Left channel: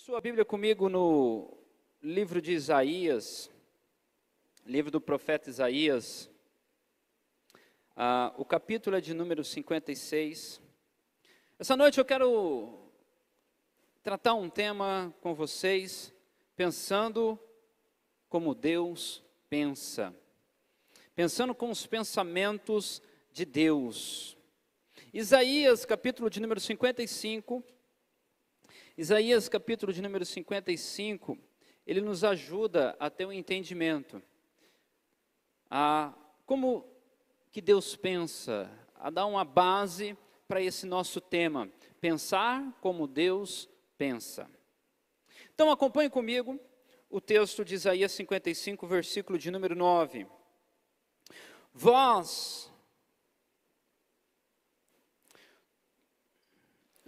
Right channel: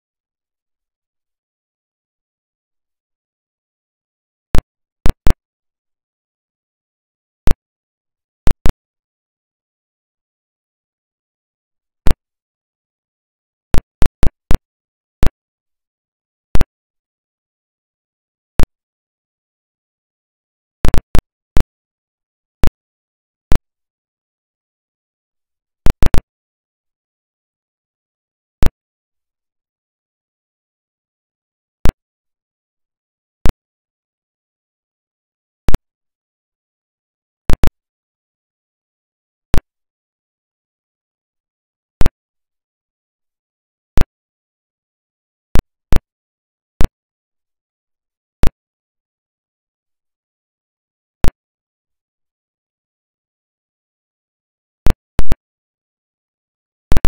Sua Bíblia comigo no livro de Isaías, livro do profeta Isaías, o capítulo é de número 56. Essa noite eu quero tratar um tema com vocês, pensando como Deus pensa, pensando com os pensamentos de Deus. Isaías, capítulo de número 55, Isaías, capítulo de número 55, ele nos ajuda a ter um entendimento, a como que Deus pensa, a dar uma base para esse nosso tema, pensar como Deus pensa. Então acompanhe comigo o texto de Isaías 55, versículo de número 9.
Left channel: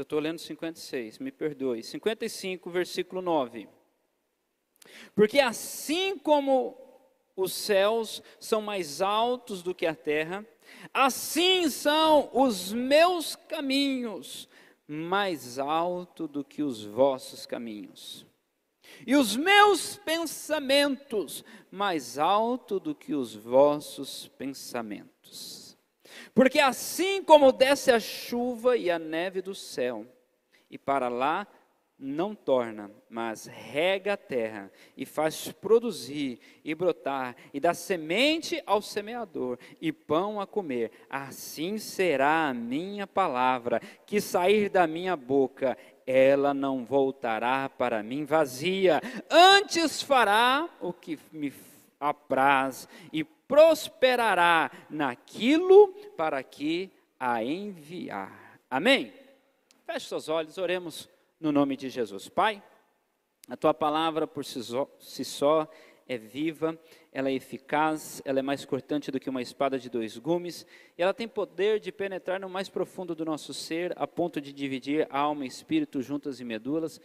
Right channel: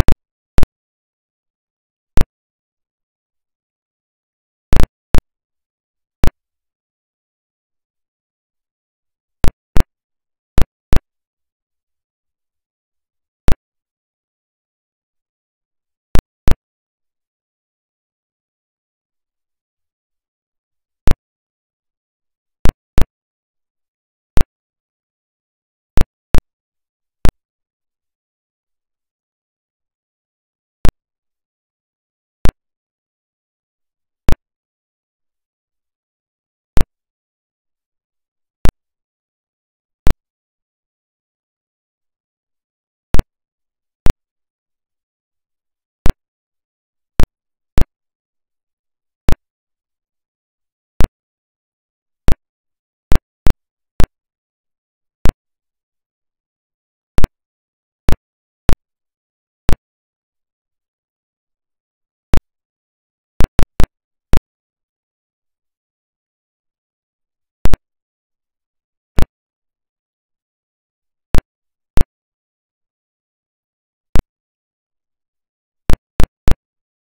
Estou lendo 56, me perdoe. 55, versículo 9. Porque assim como os céus são mais altos do que a terra, assim são os meus caminhos mais altos do que os vossos caminhos. E os meus pensamentos mais altos do que os vossos pensamentos. Porque assim como desce a chuva e a neve do céu, e para lá não torna, mas rega a terra, e faz produzir e brotar, e dá semente ao semeador, e pão a comer, assim será a minha palavra, que sair da minha boca, ela não voltará para mim vazia, antes fará o que me apraz, e prosperará naquilo para que a enviar. Amém? Feche seus olhos, oremos no nome de Jesus. Pai, a Tua palavra por si só é viva, ela é eficaz, ela é mais cortante do que uma espada de dois gumes, e ela tem poder de penetrar no mais profundo do nosso ser, a ponto de dividir alma e espírito, juntas e medulas,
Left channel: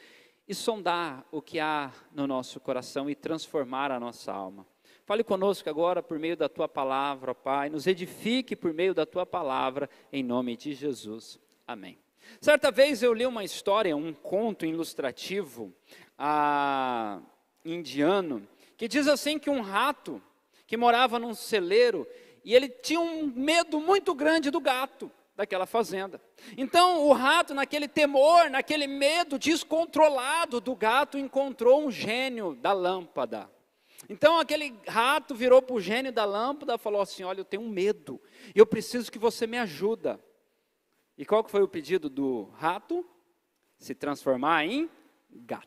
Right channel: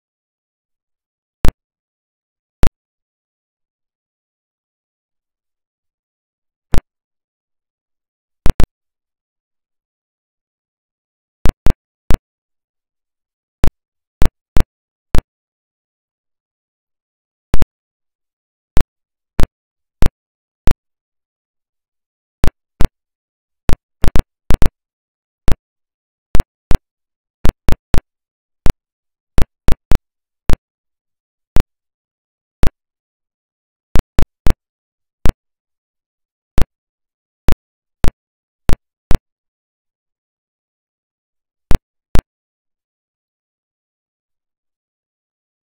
e sondar o que há no nosso coração e transformar a nossa alma. Fale conosco agora por meio da Tua palavra, ó Pai, nos edifique por meio da Tua palavra, em nome de Jesus. Amém. Certa vez eu li uma história, um conto ilustrativo indiano, que diz assim que um rato que morava num celeiro, e ele tinha um medo muito grande do gato daquela fazenda. Então o rato, naquele temor, naquele medo descontrolado do gato, encontrou um gênio da lâmpada. Então aquele rato virou para o gênio da lâmpada e falou assim: olha, eu tenho um medo, e eu preciso que você me ajuda. E qual que foi o pedido do rato? Se transformar em gato.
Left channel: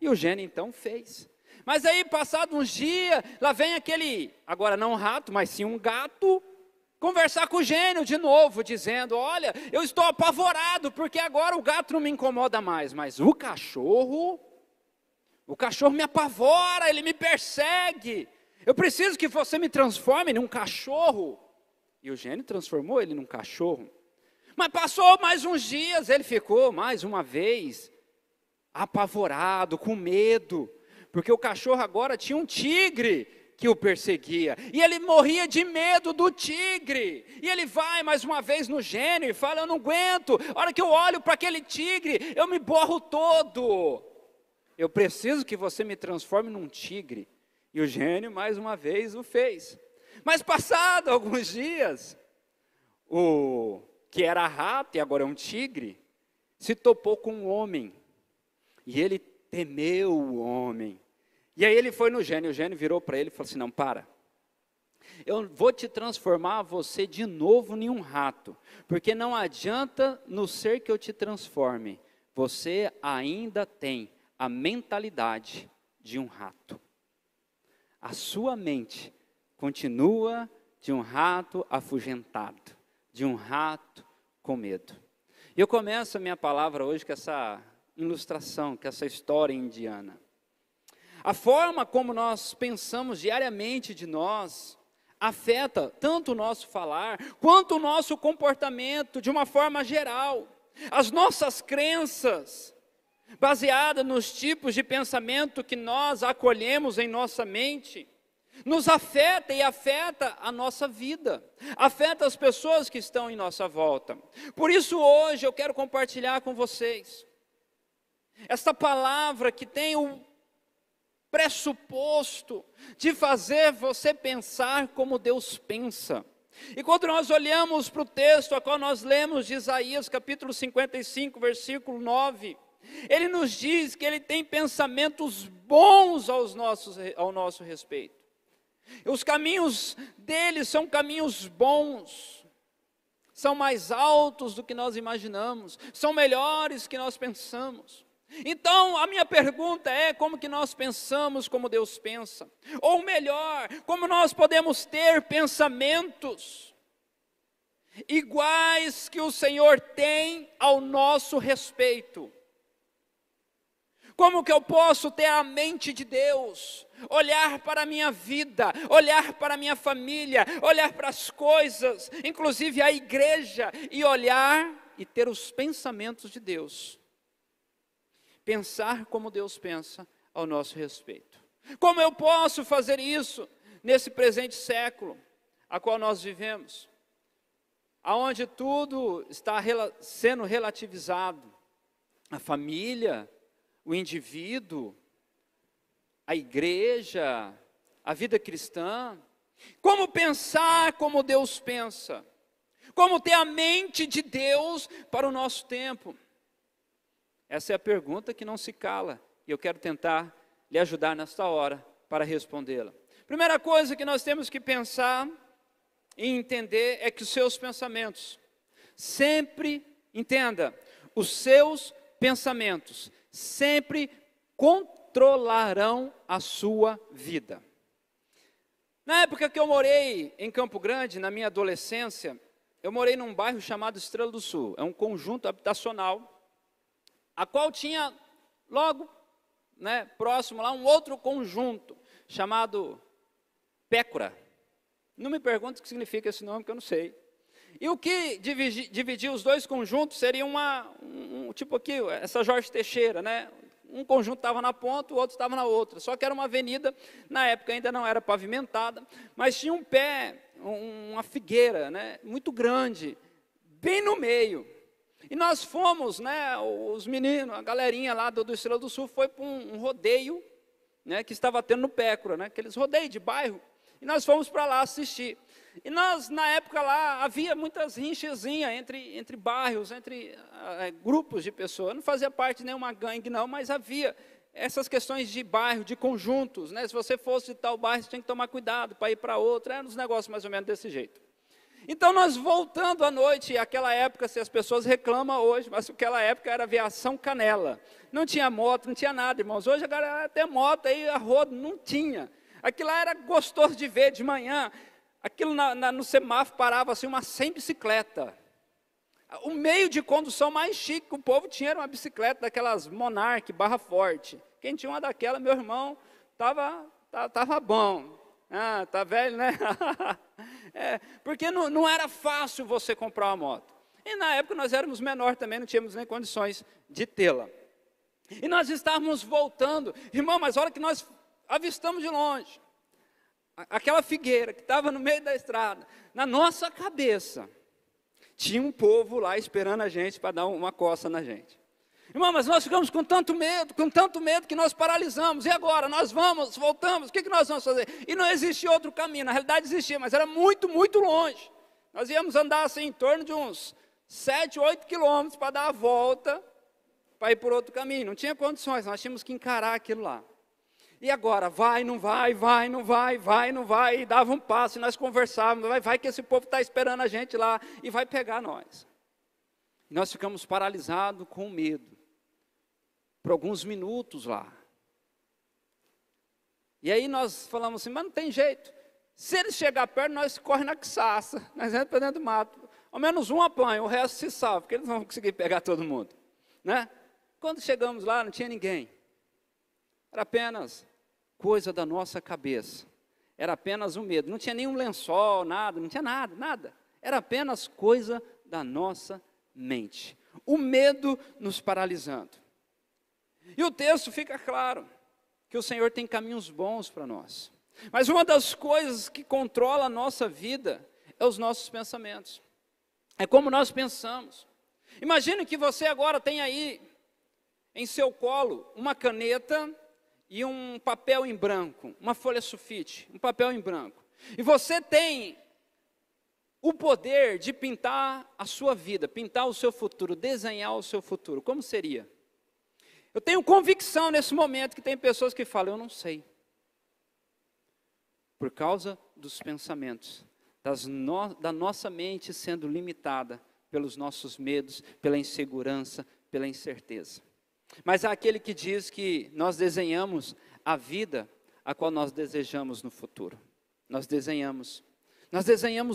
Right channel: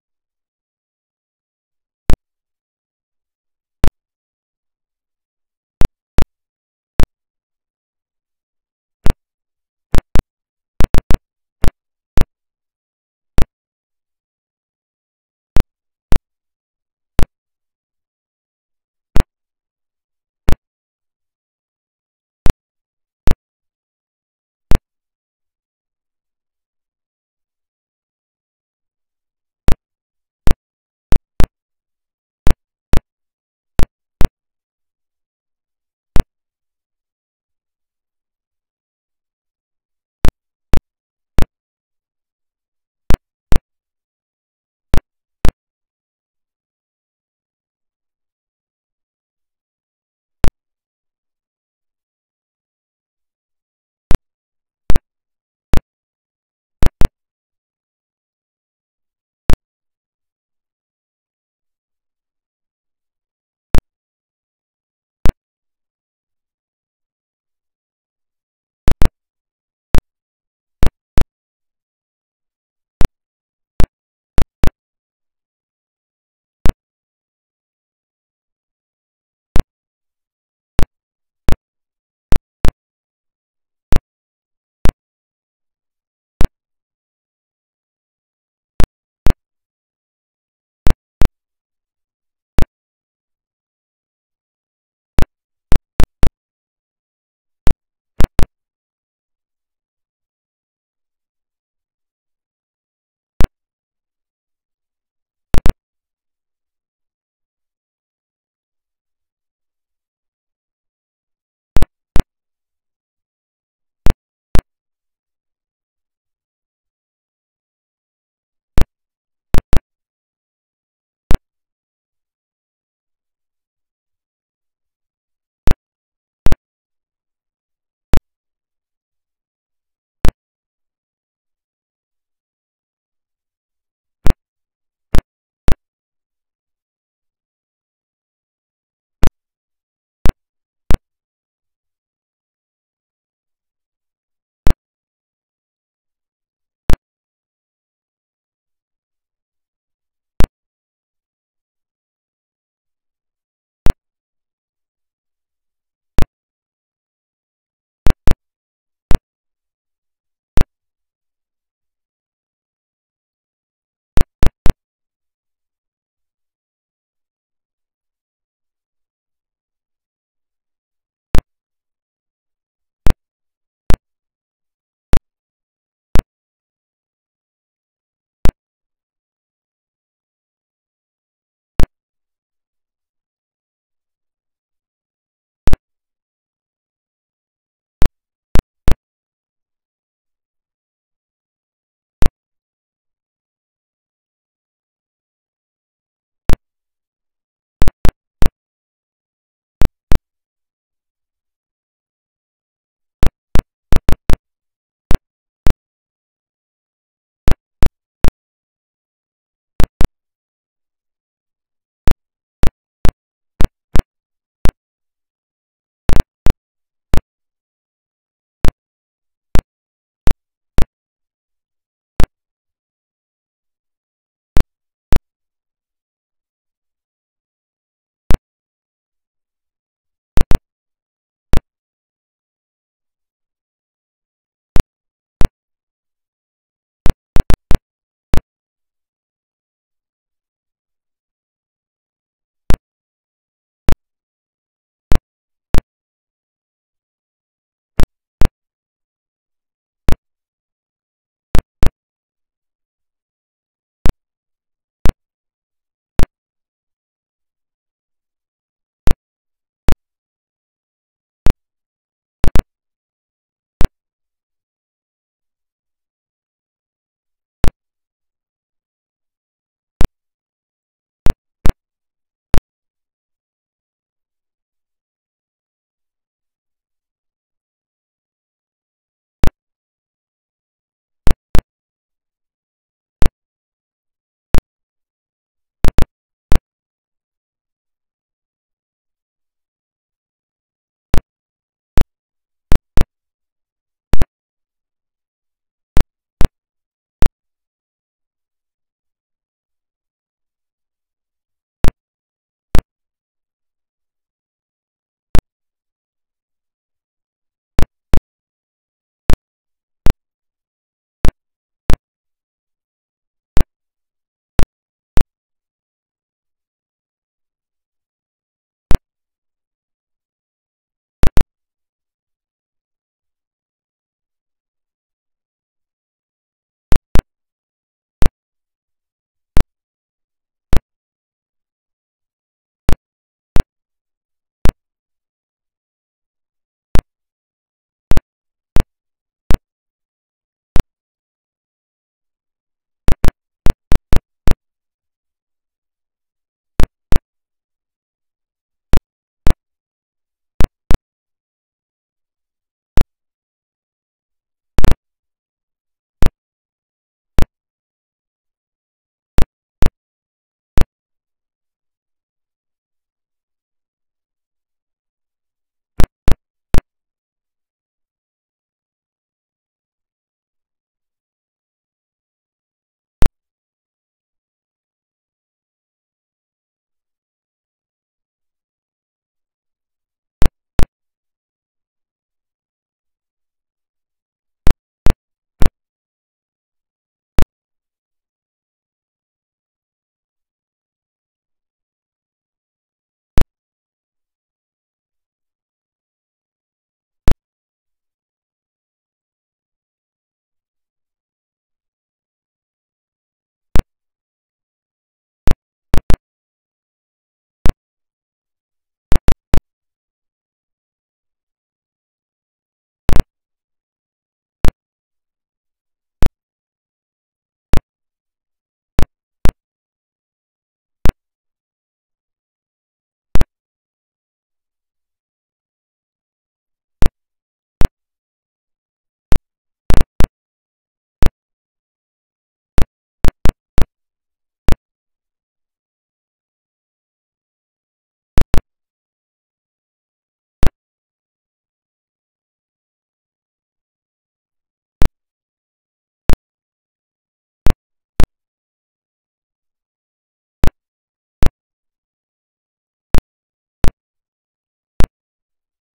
E o gênio então fez. Mas aí, passados uns dias, lá vem aquele, agora não um rato, mas sim um gato, conversar com o gênio de novo, dizendo: olha, eu estou apavorado, porque agora o gato não me incomoda mais, mas o cachorro me apavora, ele me persegue. Eu preciso que você me transforme num cachorro. E o gênio transformou ele num cachorro. Mas passou mais uns dias, ele ficou mais uma vez apavorado, com medo, porque o cachorro agora tinha um tigre que o perseguia, e ele morria de medo do tigre, e ele vai mais uma vez no gênio e fala: eu não aguento, a hora que eu olho para aquele tigre, eu me borro todo, eu preciso que você me transforme num tigre. E o gênio mais uma vez o fez. Mas passado alguns dias, o que era rato e agora é um tigre, se topou com um homem, e ele temeu o homem. E aí ele foi no gênio, o gênio virou para ele e falou assim: não, para, eu vou te transformar você de novo em um rato, porque não adianta no ser que eu te transforme, você ainda tem a mentalidade de um rato, a sua mente continua de um rato afugentado, de um rato com medo. E eu começo a minha palavra hoje com essa ilustração, com essa história indiana. A forma como nós pensamos diariamente de nós afeta tanto o nosso falar, quanto o nosso comportamento de uma forma geral. As nossas crenças, baseadas nos tipos de pensamento que nós acolhemos em nossa mente, nos afeta e afeta a nossa vida, afeta as pessoas que estão em nossa volta. Por isso hoje eu quero compartilhar com vocês esta palavra que tem o pressuposto de fazer você pensar como Deus pensa. E quando nós olhamos para o texto a qual nós lemos de Isaías, capítulo 55, versículo 9, ele nos diz que ele tem pensamentos bons ao nosso respeito. Os caminhos dele são caminhos bons, são mais altos do que nós imaginamos, são melhores que nós pensamos. Então, a minha pergunta é, como que nós pensamos como Deus pensa? Ou melhor, como nós podemos ter pensamentos iguais que o Senhor tem ao nosso respeito? Como que eu posso ter a mente de Deus, olhar para a minha vida, olhar para a minha família, olhar para as coisas, inclusive a igreja, e olhar e ter os pensamentos de Deus? Pensar como Deus pensa ao nosso respeito. Como eu posso fazer isso nesse presente século, a qual nós vivemos, aonde tudo está sendo relativizado, a família, o indivíduo, a igreja, a vida cristã? Como pensar como Deus pensa? Como ter a mente de Deus para o nosso tempo? Essa é a pergunta que não se cala, e eu quero tentar lhe ajudar nesta hora para respondê-la. Primeira coisa que nós temos que pensar e entender é que os seus pensamentos sempre, entenda, os seus pensamentos sempre controlarão a sua vida. Na época que eu morei em Campo Grande, na minha adolescência, eu morei num bairro chamado Estrela do Sul. É um conjunto habitacional, a qual tinha logo, próximo lá, um outro conjunto chamado Pécora. Não me pergunte o que significa esse nome, que eu não sei. E o que dividia os dois conjuntos seria tipo aqui, essa Jorge Teixeira, né? Um conjunto estava na ponta, o outro estava na outra. Só que era uma avenida, na época ainda não era pavimentada, mas tinha um pé, uma figueira, né? Muito grande, bem no meio. E nós fomos, os meninos, a galerinha lá do Estrela do Sul, foi para um rodeio, que estava tendo no Pécora, aqueles rodeios de bairro. E nós fomos para lá assistir. E nós, na época lá, havia muitas rinchazinhas entre bairros, entre grupos de pessoas. Não fazia parte de nenhuma gangue, não, mas havia essas questões de bairro, de conjuntos. Se você fosse de tal bairro, você tinha que tomar cuidado para ir para outro. Eram uns negócios mais ou menos desse jeito. Então, nós voltando à noite, aquela época, se as pessoas reclamam hoje, mas naquela época era aviação Canela. Não tinha moto, não tinha nada, irmãos. Hoje a galera tem moto, aí a rodo não tinha. Aquilo lá era gostoso de ver de manhã. Aquilo no semáforo parava assim, umas 100 bicicletas. O meio de condução mais chique que o povo tinha era uma bicicleta daquelas Monarch, barra forte. Quem tinha uma daquela, meu irmão, tava bom. Ah, tá velho, né? Porque não era fácil você comprar uma moto. E na época nós éramos menores também, não tínhamos nem condições de tê-la. E nós estávamos voltando. Irmão, mas a hora que nós avistamos de longe aquela figueira que estava no meio da estrada, na nossa cabeça tinha um povo lá esperando a gente para dar uma coça na gente. Irmão, mas nós ficamos com tanto medo que nós paralisamos. E agora? Nós voltamos, o que nós vamos fazer? E não existia outro caminho, na realidade existia, mas era muito, muito longe. Nós íamos andar assim em torno de uns 7, 8 quilômetros para dar a volta, para ir por outro caminho. Não tinha condições, nós tínhamos que encarar aquilo lá. E agora, vai, não vai, e dava um passo, e nós conversávamos, vai que esse povo está esperando a gente lá, e vai pegar nós. E nós ficamos paralisados com medo, por alguns minutos lá. E aí nós falamos assim, mas não tem jeito, se eles chegar perto, nós corremos na quiçaça, nós entramos para dentro do mato, ao menos um apanha, o resto se salva, porque eles não vão conseguir pegar todo mundo. Quando chegamos lá, não tinha ninguém, era apenas coisa da nossa cabeça, era apenas um medo, não tinha nenhum lençol, nada, não tinha nada, era apenas coisa da nossa mente, o medo nos paralisando. E o texto fica claro, que o Senhor tem caminhos bons para nós, mas uma das coisas que controla a nossa vida, é os nossos pensamentos, é como nós pensamos. Imagine que você agora tem aí, em seu colo uma caneta e um papel em branco, uma folha sulfite, um papel em branco. E você tem o poder de pintar a sua vida, pintar o seu futuro, desenhar o seu futuro. Como seria? Eu tenho convicção nesse momento que tem pessoas que falam, eu não sei. Por causa dos pensamentos, da nossa mente sendo limitada pelos nossos medos, pela insegurança, pela incerteza. Mas há aquele que diz que nós desenhamos a vida a qual nós desejamos no futuro. Nós desenhamos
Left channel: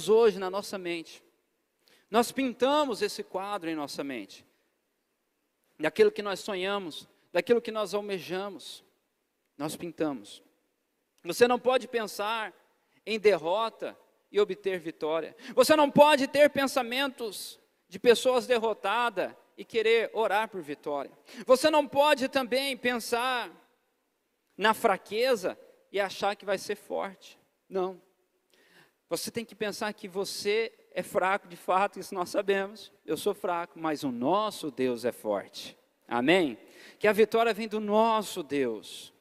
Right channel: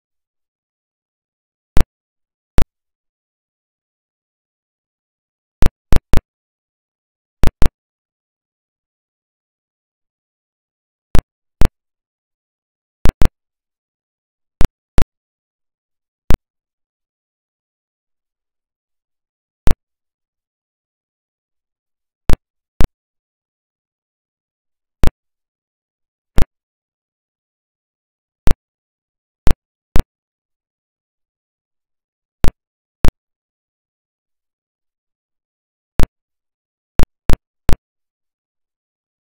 hoje na nossa mente. Nós pintamos esse quadro em nossa mente. Daquilo que nós sonhamos, daquilo que nós almejamos, nós pintamos. Você não pode pensar em derrota e obter vitória. Você não pode ter pensamentos de pessoas derrotadas e querer orar por vitória. Você não pode também pensar na fraqueza e achar que vai ser forte. Não. Você tem que pensar que você é fraco de fato, isso nós sabemos. Eu sou fraco, mas o nosso Deus é forte. Amém? Que a vitória vem do nosso Deus.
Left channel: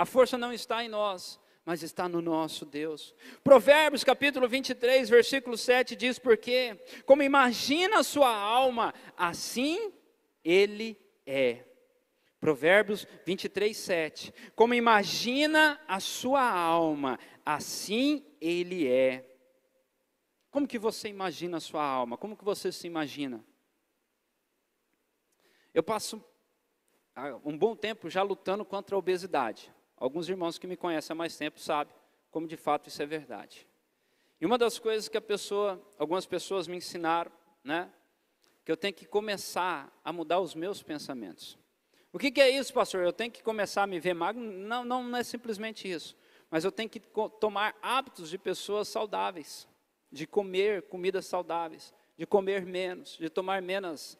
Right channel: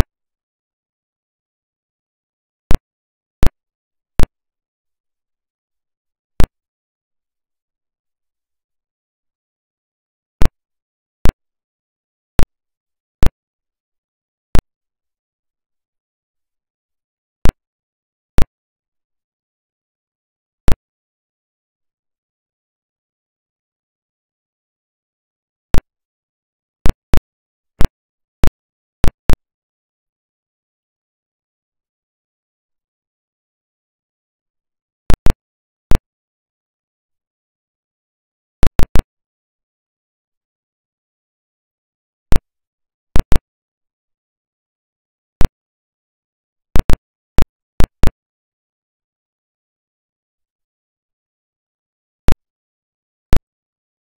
A força não está em nós, mas está no nosso Deus. Provérbios capítulo 23, versículo 7 diz, porque como imagina a sua alma, assim ele é. Provérbios 23, 7. Como imagina a sua alma, assim ele é. Como que você imagina a sua alma? Como que você se imagina? Eu passo um bom tempo já lutando contra a obesidade. Alguns irmãos que me conhecem há mais tempo sabem como de fato isso é verdade. E uma das coisas que algumas pessoas me ensinaram, né, que eu tenho que começar a mudar os meus pensamentos. O que é isso, pastor? Eu tenho que começar a me ver magro? Não é simplesmente isso. Mas eu tenho que tomar hábitos de pessoas saudáveis, de comer comidas saudáveis, de comer menos, de tomar menos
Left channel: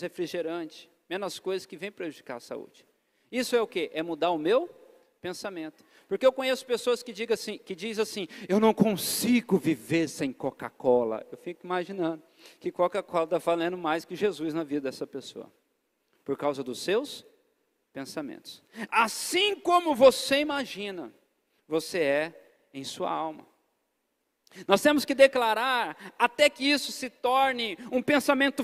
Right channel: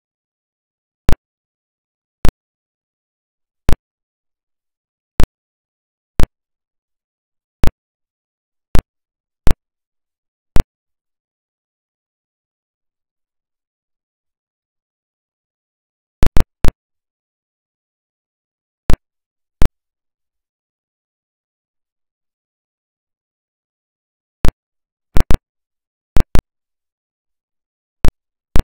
refrigerante, menos coisas que vêm prejudicar a saúde. Isso é o quê? É mudar o meu pensamento. Porque eu conheço pessoas que dizem assim, eu não consigo viver sem Coca-Cola. Eu fico imaginando que Coca-Cola está valendo mais que Jesus na vida dessa pessoa. Por causa dos seus pensamentos. Assim como você imagina, você é em sua alma. Nós temos que declarar, até que isso se torne um pensamento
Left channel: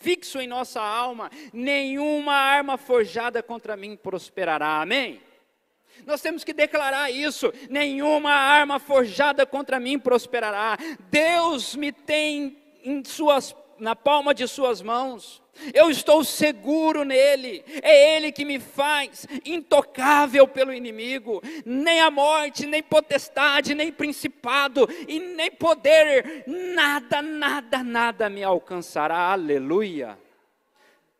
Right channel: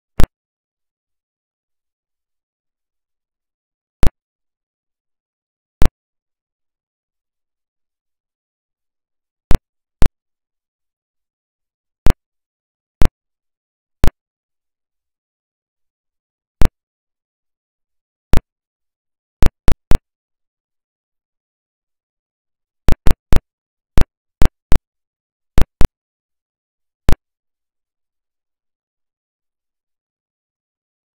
fixo em nossa alma, nenhuma arma forjada contra mim prosperará, amém? Nós temos que declarar isso, nenhuma arma forjada contra mim prosperará. Deus me tem na palma de suas mãos, eu estou seguro nele, é ele que me faz intocável pelo inimigo, nem a morte, nem potestade, nem principado, e nem poder, nada me alcançará, aleluia.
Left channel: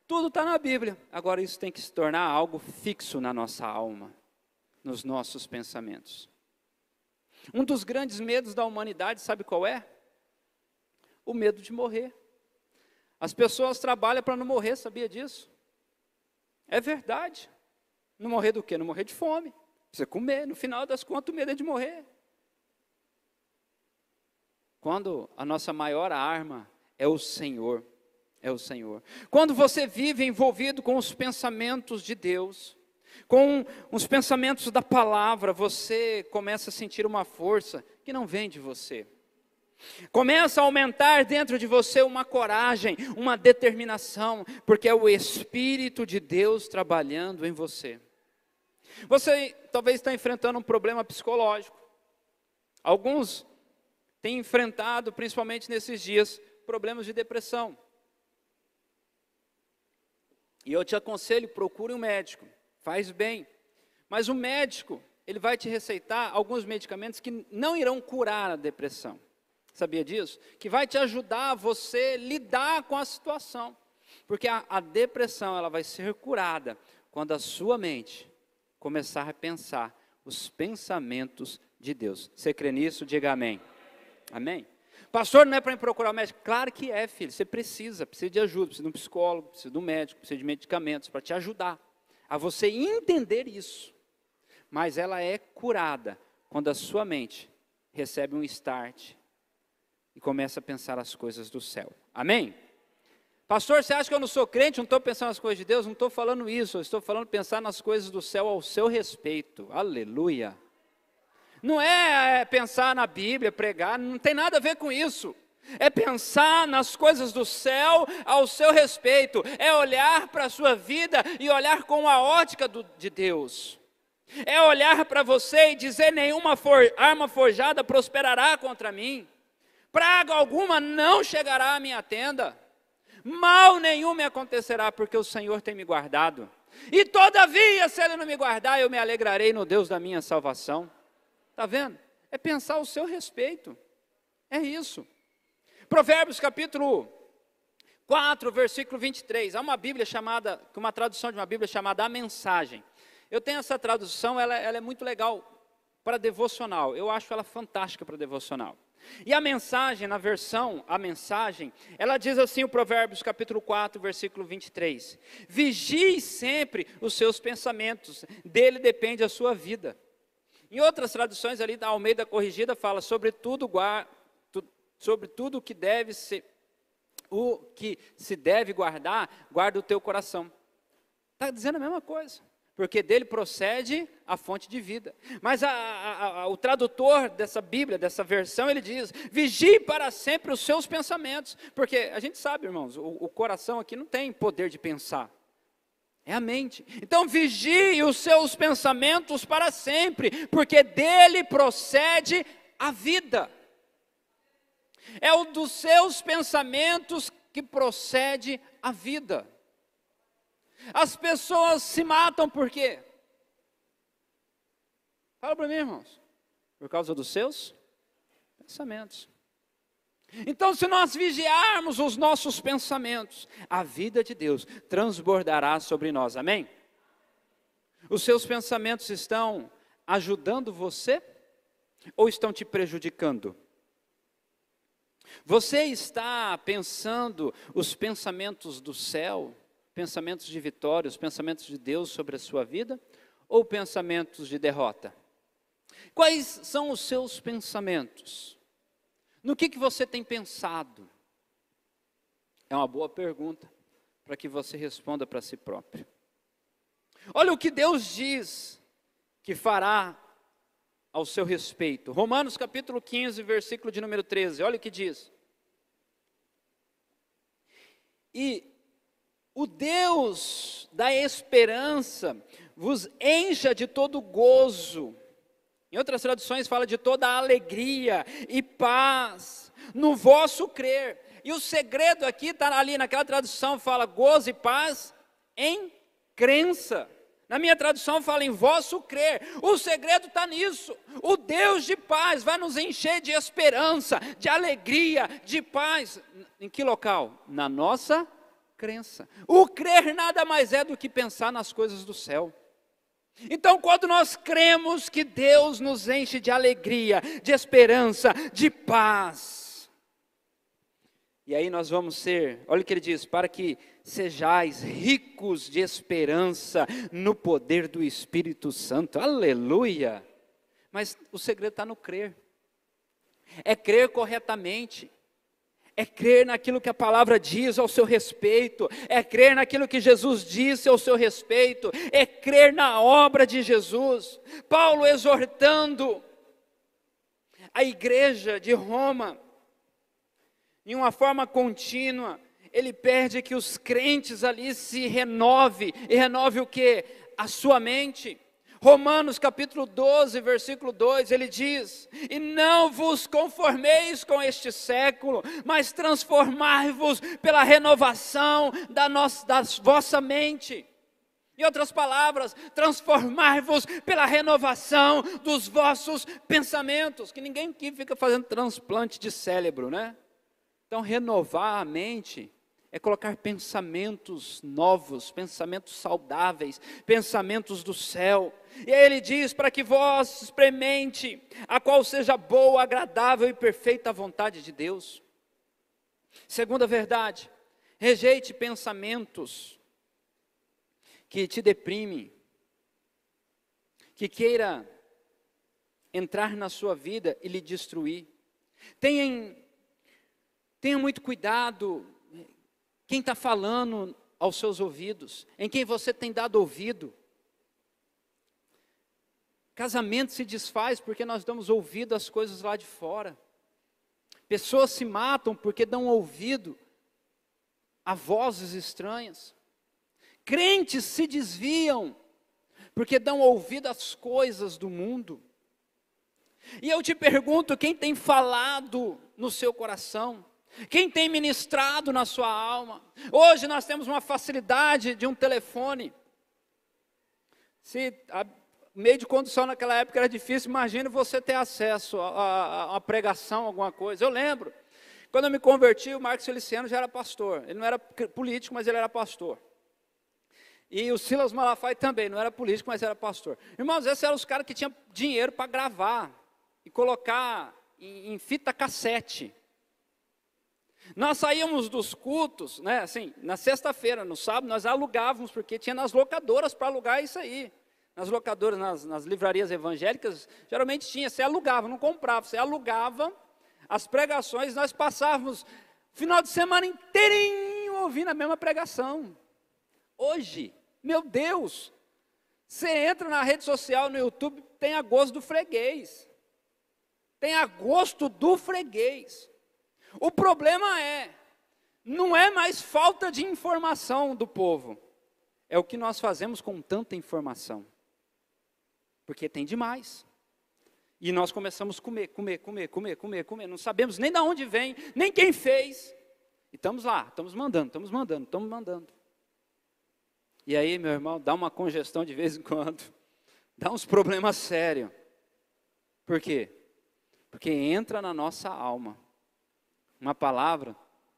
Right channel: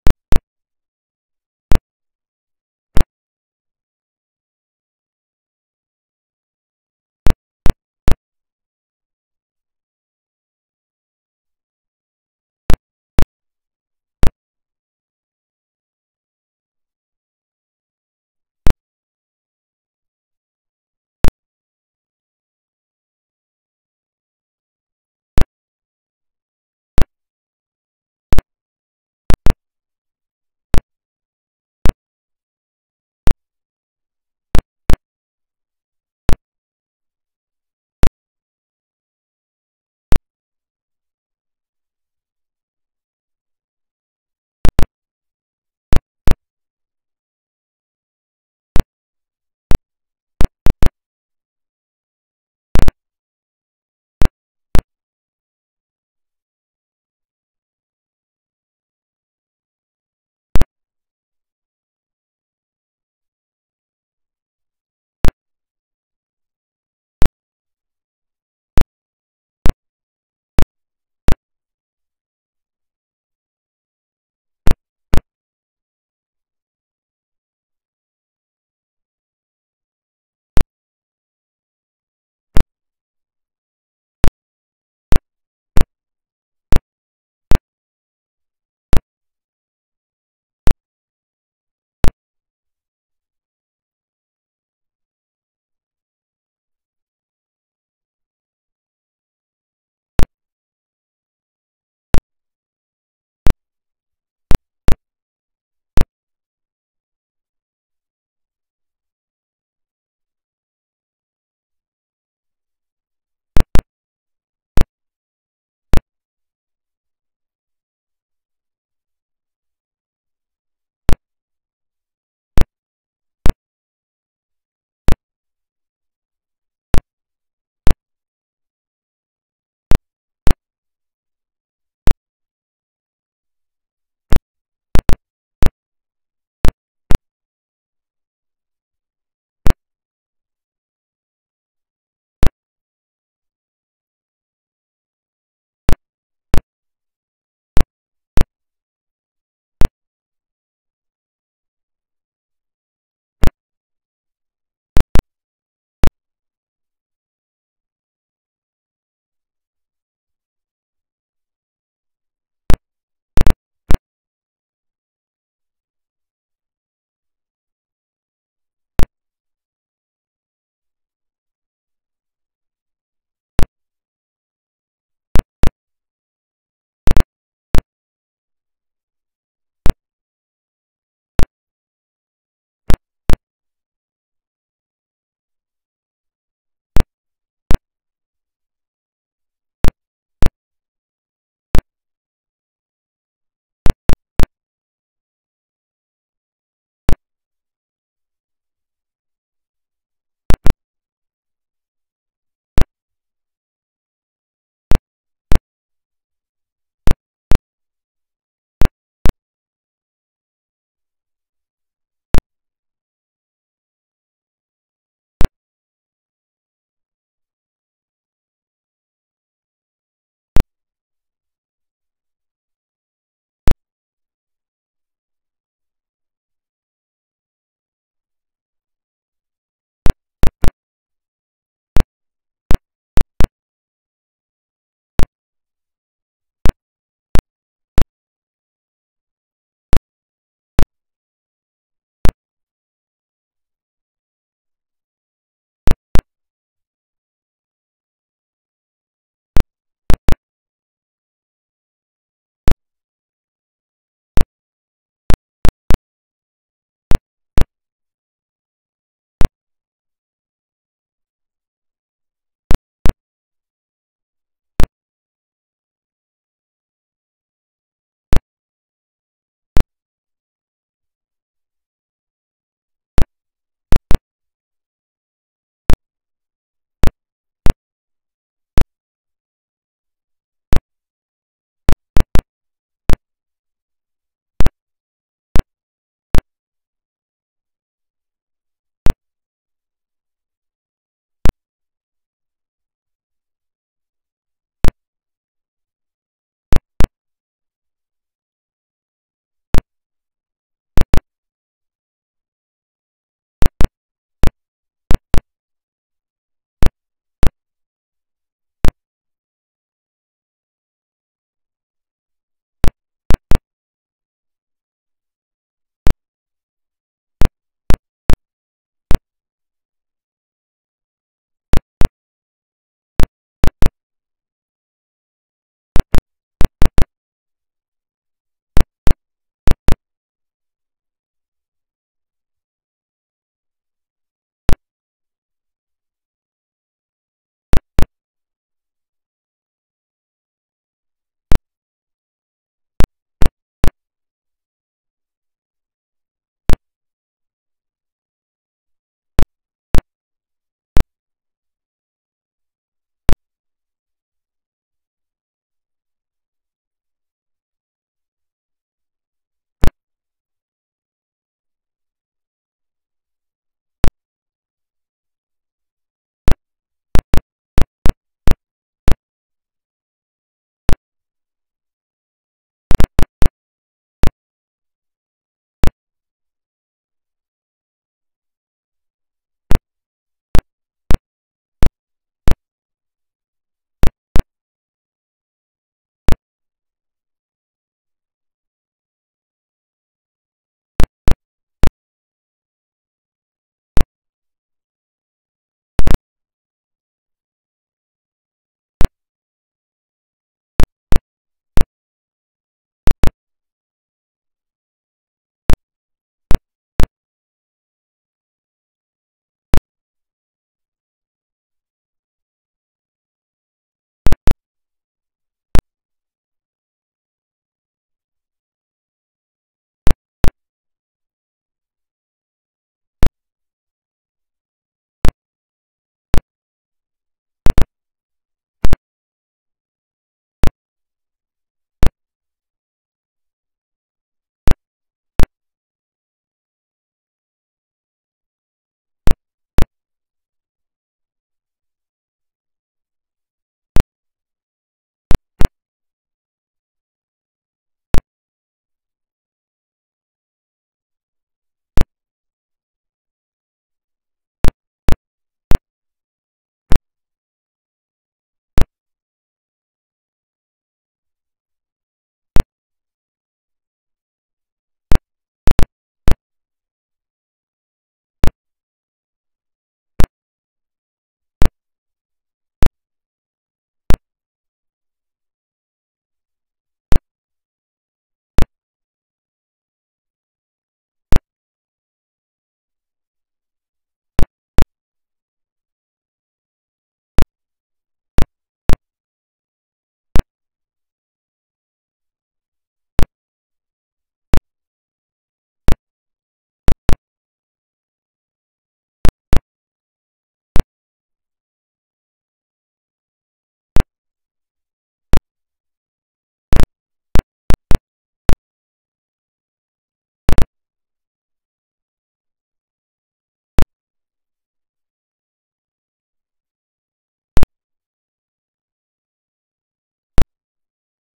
Tudo está na Bíblia, agora isso tem que se tornar algo fixo na nossa alma, nos nossos pensamentos. Um dos grandes medos da humanidade, sabe qual é? O medo de morrer. As pessoas trabalham para não morrer, sabia disso? É verdade. Não morrer do quê? Não morrer de fome. Você comer, no final das contas, o medo é de morrer. Quando a nossa maior arma é o Senhor. É o Senhor. Quando você vive envolvido com os pensamentos de Deus, com os pensamentos da palavra, você começa a sentir uma força que não vem de você. Começa a aumentar dentro de você uma coragem, uma determinação, porque é o Espírito de Deus trabalhando em você. Você talvez está enfrentando um problema psicológico. Alguns têm enfrentado, principalmente nesses dias, problemas de depressão. E eu te aconselho, procure um médico, faz bem. Mas o médico, ele vai te receitar alguns medicamentos que não irão curar a depressão. Sabia disso? Que vai te ajudar a você lidar com a situação. Porque a depressão, ela vai ser curada quando a sua mente começar a pensar os pensamentos de Deus. Você crê nisso? Diga amém. Amém? Pastor, não é para me procurar um médico? Claro que é, filho. Você precisa de ajuda, precisa de um psicólogo, precisa de um médico, precisa de medicamentos para te ajudar a você entender isso. Mas ela é curada quando a sua mente recebe um start e começa a pensar as coisas do céu. Amém? Pastor, você acha que eu não sou crente, não estou pensando nas coisas de Deus? Não estou falando isso, eu estou falando pensar nas coisas do céu ao seu respeito. Aleluia. Não é pensar na Bíblia, pregar, não tem nada a ver com isso. É pensar nas coisas do céu ao seu respeito. É olhar para a sua vida e olhar com a ótica de Deus. É olhar para você e dizer: nenhuma arma forjada prosperará contra mim. Praga alguma não chegará à minha tenda. Mal nenhum me acontecerá, porque o Senhor tem me guardado. E todavia, se Ele não me guardar, eu me alegrarei no Deus da minha salvação. Está vendo? É pensar ao seu respeito. É isso. Provérbios capítulo 4, versículo 23. Há uma Bíblia chamada, uma tradução de uma Bíblia chamada A Mensagem. Eu tenho essa tradução, ela é muito legal para devocional. Eu acho ela fantástica para devocional. E a mensagem, na versão, a mensagem, ela diz assim, o Provérbios capítulo 4, versículo 23. Vigie sempre os seus pensamentos, dele depende a sua vida. Em outras traduções ali, da Almeida Corrigida, fala sobre tudo o que deve ser, o que se deve guardar, guarda o teu coração. Está dizendo a mesma coisa, porque dele procede a fonte de vida. Mas o tradutor dessa Bíblia, dessa versão, ele diz: vigie para sempre os seus pensamentos, porque a gente sabe, irmãos, o coração aqui não tem poder de pensar. É a mente. Então vigie os seus pensamentos para sempre, porque dele procede a vida. É o dos seus pensamentos que procede a vida. As pessoas se matam por quê? Fala para mim, irmãos. Por causa dos seus pensamentos. Então, se nós vigiarmos os nossos pensamentos, a vida de Deus transbordará sobre nós, amém? Os seus pensamentos estão ajudando você ou estão te prejudicando? Você está pensando os pensamentos do céu, pensamentos de vitória, os pensamentos de Deus sobre a sua vida, ou pensamentos de derrota? Quais são os seus pensamentos? No que você tem pensado? É uma boa pergunta para que você responda para si próprio. Olha o que Deus diz que fará ao seu respeito. Romanos capítulo 15, versículo de número 13. Olha o que diz. E o Deus da esperança vos encha de todo gozo. Em outras traduções fala de toda a alegria e paz no vosso crer. E o segredo aqui está ali naquela tradução, fala gozo e paz em crença. Na minha tradução fala em vosso crer. O segredo está nisso. O Deus de paz vai nos encher de esperança, de alegria, de paz. Em que local? Na nossa crença. O crer nada mais é do que pensar nas coisas do céu. Então, quando nós cremos que Deus nos enche de alegria, de esperança, de paz, e aí nós vamos ser, olha o que ele diz, para que sejais ricos de esperança no poder do Espírito Santo, aleluia. Mas o segredo está no crer, é crer corretamente, é crer naquilo que a palavra diz ao seu respeito, é crer naquilo que Jesus disse ao seu respeito, é crer na obra de Jesus. Paulo exortando a igreja de Roma, em uma forma contínua, ele pede que os crentes ali se renove, e renove o quê? A sua mente. Romanos capítulo 12, versículo 2, ele diz: e não vos conformeis com este século, mas transformai-vos pela renovação da vossa mente. Em outras palavras, transformai-vos pela renovação dos vossos pensamentos. Que ninguém aqui fica fazendo transplante de cérebro, né? Então, renovar a mente é colocar pensamentos novos, pensamentos saudáveis, pensamentos do céu. E aí ele diz, para que vós experimente a qual seja boa, agradável e perfeita a vontade de Deus. Segunda verdade, rejeite pensamentos que te deprimem, que queira entrar na sua vida e lhe destruir. Tenha muito cuidado. Quem está falando aos seus ouvidos? Em quem você tem dado ouvido? Casamento se desfaz porque nós damos ouvido às coisas lá de fora. Pessoas se matam porque dão ouvido a vozes estranhas. Crentes se desviam porque dão ouvido às coisas do mundo. E eu te pergunto, quem tem falado no seu coração? Quem tem ministrado na sua alma? Hoje nós temos uma facilidade de um telefone. Se o meio de condução naquela época era difícil, imagine você ter acesso a uma pregação, alguma coisa. Eu lembro, quando eu me converti, o Marcos Feliciano já era pastor. Ele não era político, mas ele era pastor. E o Silas Malafaia também, não era político, mas era pastor. Irmãos, esses eram os caras que tinham dinheiro para gravar e colocar em fita cassete. Nós saíamos dos cultos, né, assim, na sexta-feira, no sábado, nós alugávamos, porque tinha nas locadoras para alugar isso aí. Nas locadoras, nas livrarias evangélicas, geralmente tinha, você alugava, não comprava, você alugava as pregações, nós passávamos o final de semana inteirinho ouvindo a mesma pregação. Hoje, meu Deus, você entra na rede social, no YouTube, tem a gosto do freguês. Tem a gosto do freguês. O problema não é mais falta de informação do povo, é o que nós fazemos com tanta informação, porque tem demais, e nós começamos a comer, não sabemos nem de onde vem, nem quem fez, estamos lá, estamos mandando, e aí, meu irmão, dá uma congestão de vez em quando, dá uns problemas sérios. Por quê? Porque entra na nossa alma uma palavra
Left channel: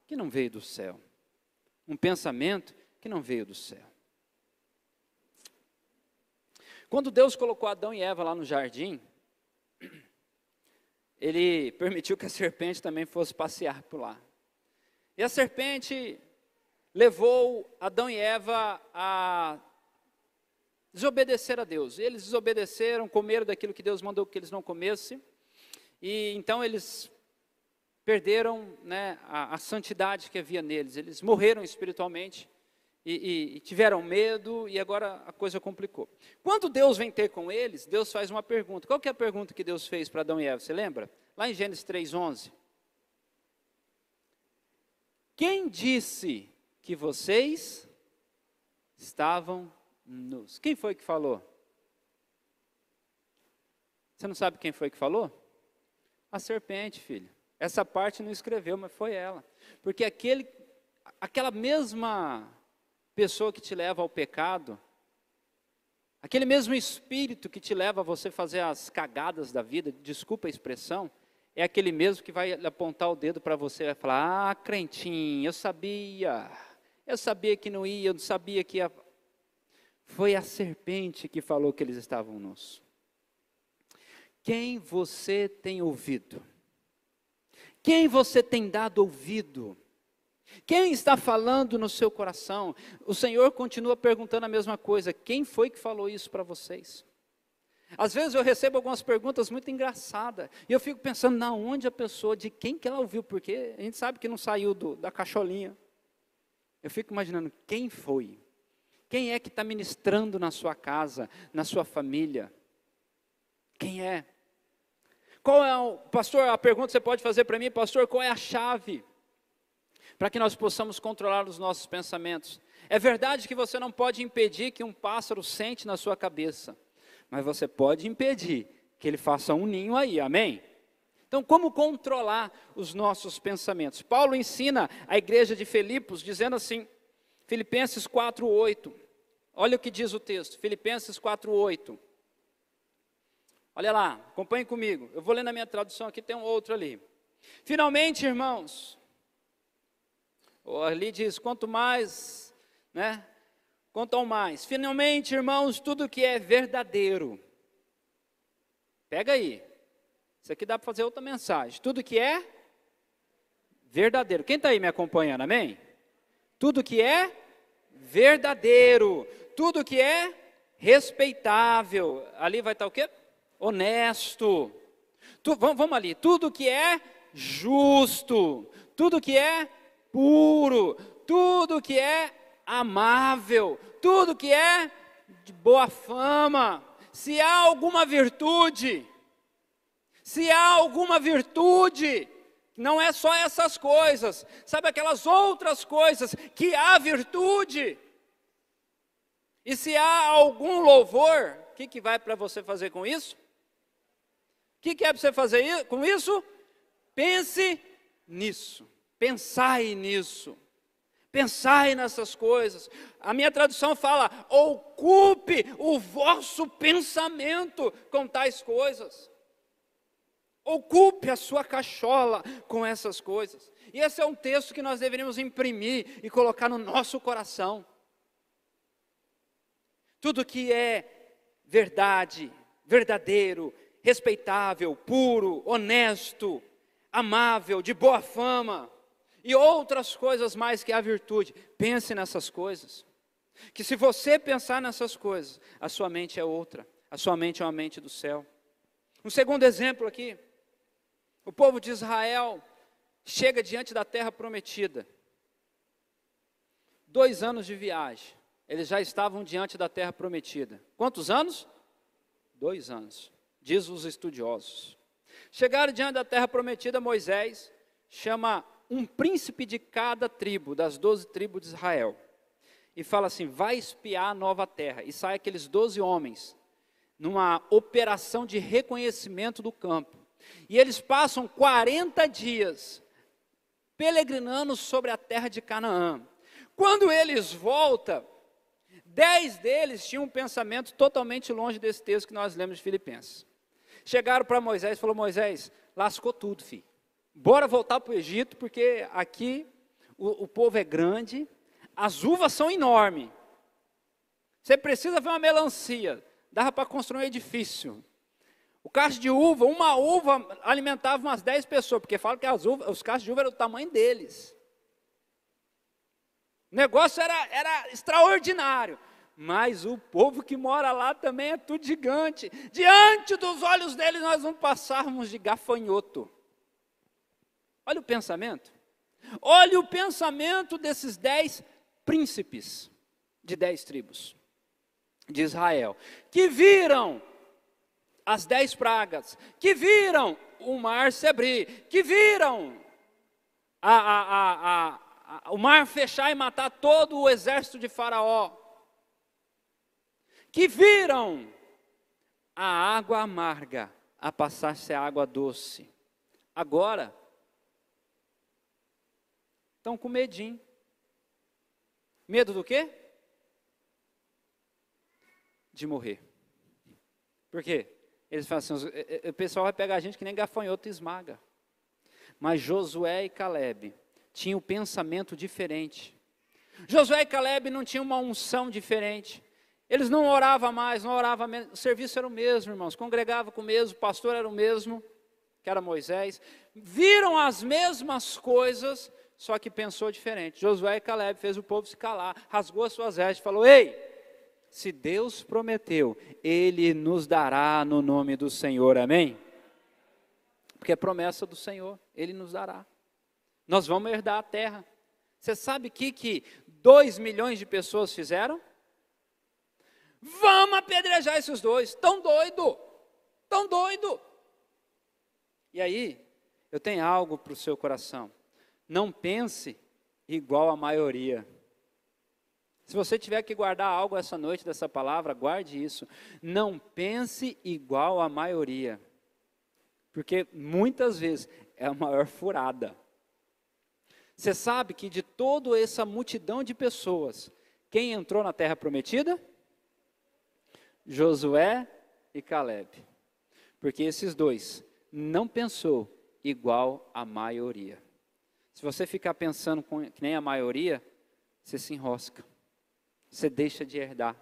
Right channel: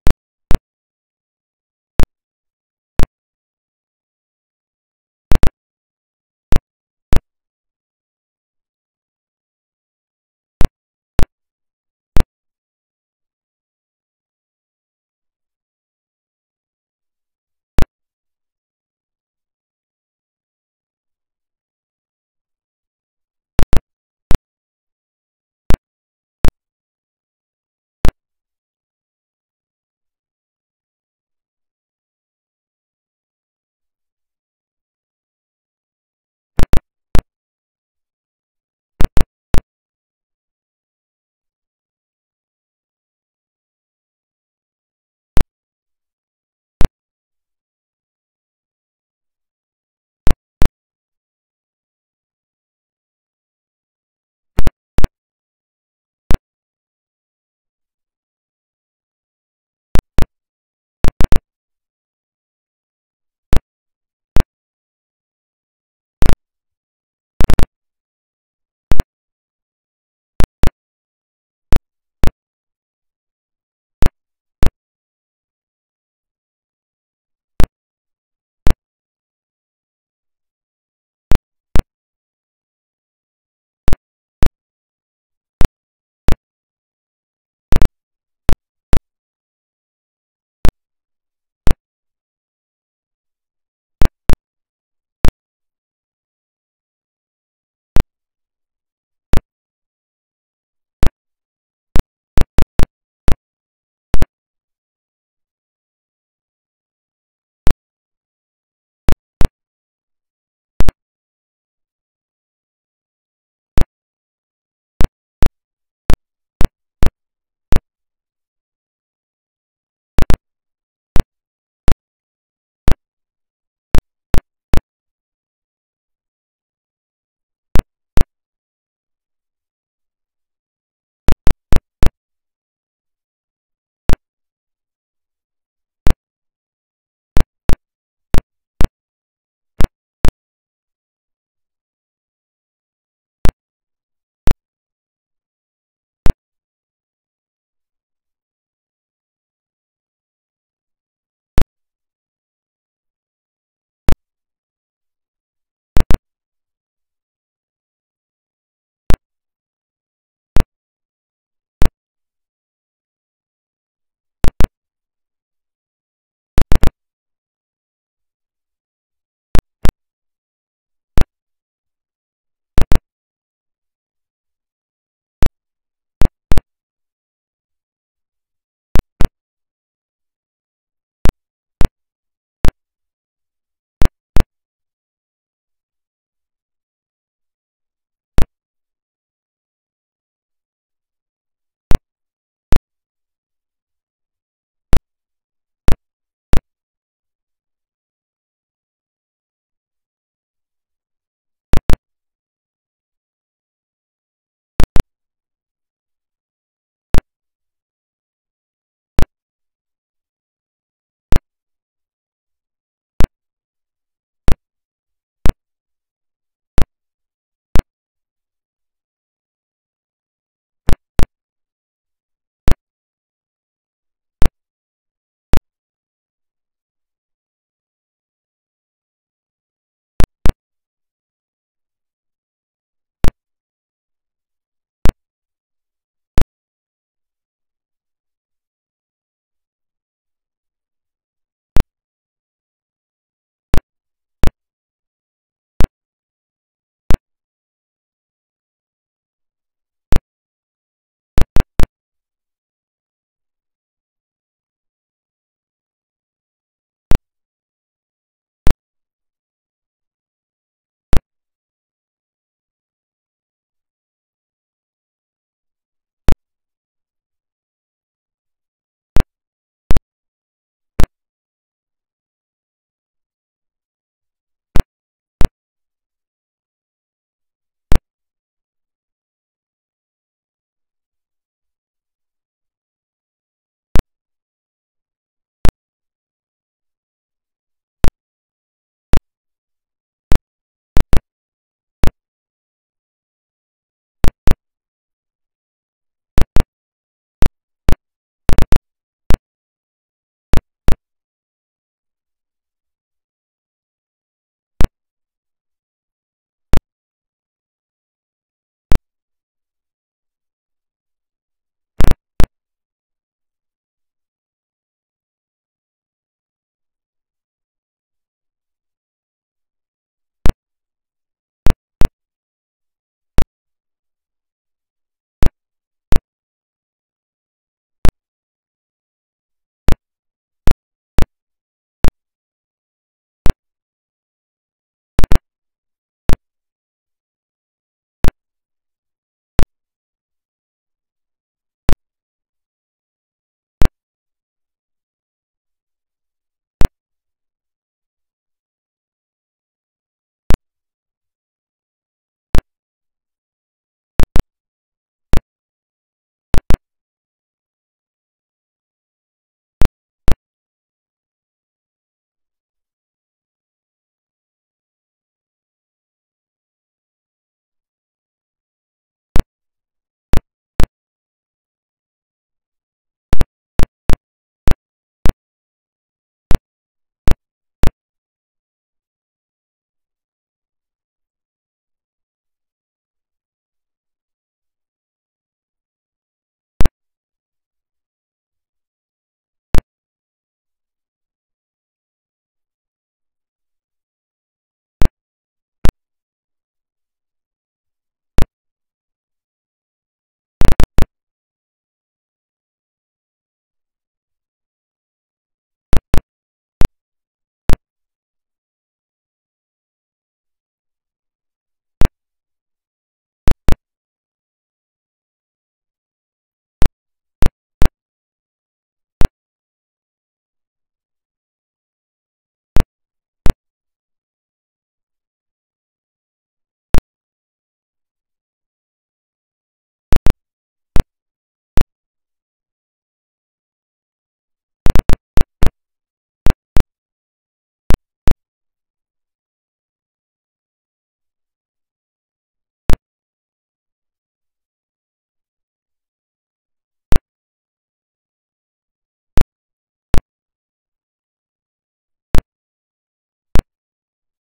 que não veio do céu, um pensamento que não veio do céu. Quando Deus colocou Adão e Eva lá no jardim, Ele permitiu que a serpente também fosse passear por lá. E a serpente levou Adão e Eva a desobedecer a Deus. Eles desobedeceram, comeram daquilo que Deus mandou que eles não comessem, e então eles perderam, né, a santidade que havia neles. Eles morreram espiritualmente e tiveram medo, e agora a coisa complicou. Quando Deus vem ter com eles, Deus faz uma pergunta. Qual que é a pergunta que Deus fez para Adão e Eva? Você lembra? Lá em Gênesis 3:11. Quem disse que vocês estavam nus? Quem foi que falou? Você não sabe quem foi que falou? A serpente, filho. Essa parte não escreveu, mas foi ela. Porque aquela mesma pessoa que te leva ao pecado, aquele mesmo espírito que te leva a você fazer as cagadas da vida, desculpa a expressão, é aquele mesmo que vai apontar o dedo para você e vai falar: ah, crentinho, eu sabia que não ia, eu não sabia que ia. Foi a serpente que falou que eles estavam nus. Quem você tem ouvido? Quem você tem dado ouvido? Quem está falando no seu coração? O Senhor continua perguntando a mesma coisa. Quem foi que falou isso para vocês? Às vezes eu recebo algumas perguntas muito engraçadas, e eu fico pensando, na onde a pessoa, de quem que ela ouviu, porque a gente sabe que não saiu da cacholinha. Eu fico imaginando, quem foi? Quem é que está ministrando na sua casa, na sua família? Quem é? Qual é pastor, a pergunta que você pode fazer para mim, pastor, qual é a chave para que nós possamos controlar os nossos pensamentos? É verdade que você não pode impedir que um pássaro sente na sua cabeça, mas você pode impedir que ele faça um ninho aí, amém? Então, como controlar os nossos pensamentos? Paulo ensina a igreja de Filipos, dizendo assim, Filipenses 4:8, olha o que diz o texto, Filipenses 4:8, olha lá, acompanhe comigo, eu vou ler na minha tradução aqui, tem um outro ali. Finalmente, irmãos, ali diz, quanto mais, né? Quanto ao mais, finalmente, irmãos, tudo que é verdadeiro, pega aí, isso aqui dá para fazer outra mensagem, tudo que é verdadeiro, quem está aí me acompanhando, amém? Tudo que é verdadeiro, tudo que é respeitável, ali vai estar o quê? Honesto, vamos ali, tudo que é justo, tudo que é puro, tudo tudo que é amável, tudo que é de boa fama, se há alguma virtude, não é só essas coisas, sabe aquelas outras coisas que há virtude, e se há algum louvor, o que vai para você fazer com isso? O que é para você fazer com isso? Pense nisso, pensai nisso, pensai nessas coisas. A minha tradução fala, ocupe o vosso pensamento com tais coisas. Ocupe a sua cachola com essas coisas. E esse é um texto que nós deveríamos imprimir e colocar no nosso coração. Tudo que é verdade, verdadeiro, respeitável, puro, honesto, amável, de boa fama, e outras coisas mais que a virtude. Pense nessas coisas. Que se você pensar nessas coisas, a sua mente é outra. A sua mente é uma mente do céu. Um segundo exemplo aqui. O povo de Israel chega diante da terra prometida. 2 anos de viagem. Eles já estavam diante da terra prometida. Quantos anos? 2 anos, diz os estudiosos. Chegaram diante da terra prometida, Moisés chama um príncipe de cada tribo, das 12 tribos de Israel. E fala assim, vai espiar a nova terra. E sai aqueles 12 homens, numa operação de reconhecimento do campo. E eles passam 40 dias peregrinando sobre a terra de Canaã. Quando eles voltam, 10 deles tinham um pensamento totalmente longe desse texto que nós lemos de Filipenses. Chegaram para Moisés e falaram, Moisés, lascou tudo, filho. Bora voltar para o Egito, porque aqui o povo é grande, as uvas são enormes. Você precisa ver uma melancia, dava para construir um edifício. O cacho de uva, uma uva alimentava umas 10 pessoas, porque falam que os cachos de uva eram do tamanho deles. O negócio era extraordinário, mas o povo que mora lá também é tudo gigante. Diante dos olhos deles nós vamos passarmos de gafanhoto. Olha o pensamento. Olha o pensamento desses 10 príncipes de 10 tribos de Israel, que viram as 10 pragas, que viram o mar se abrir, que viram o mar fechar e matar todo o exército de Faraó, que viram a água amarga a passar-se a água doce. Agora, estão com medinho. Medo do quê? De morrer. Por quê? Eles falam assim, o pessoal vai pegar a gente que nem gafanhoto e esmaga. Mas Josué e Calebe tinham um pensamento diferente. Josué e Calebe não tinham uma unção diferente. Eles não oravam mais, não oravam menos. O serviço era o mesmo, irmãos. Congregava com o mesmo, o pastor era o mesmo, que era Moisés. Viram as mesmas coisas, só que pensou diferente. Josué e Calebe fez o povo se calar, rasgou as suas vestes e falou, ei, se Deus prometeu, Ele nos dará no nome do Senhor, amém? Porque é promessa do Senhor, Ele nos dará. Nós vamos herdar a terra. Você sabe o que 2 milhões de pessoas fizeram? Vamos apedrejar esses 2, tão doido. E aí, eu tenho algo para o seu coração. Não pense igual a maioria. Se você tiver que guardar algo essa noite dessa palavra, guarde isso. Não pense igual a maioria. Porque muitas vezes é a maior furada. Você sabe que de toda essa multidão de pessoas, quem entrou na terra prometida? Josué e Calebe. Porque esses 2 não pensou igual a maioria. Se você ficar pensando nem a maioria, você se enrosca. Você deixa de herdar.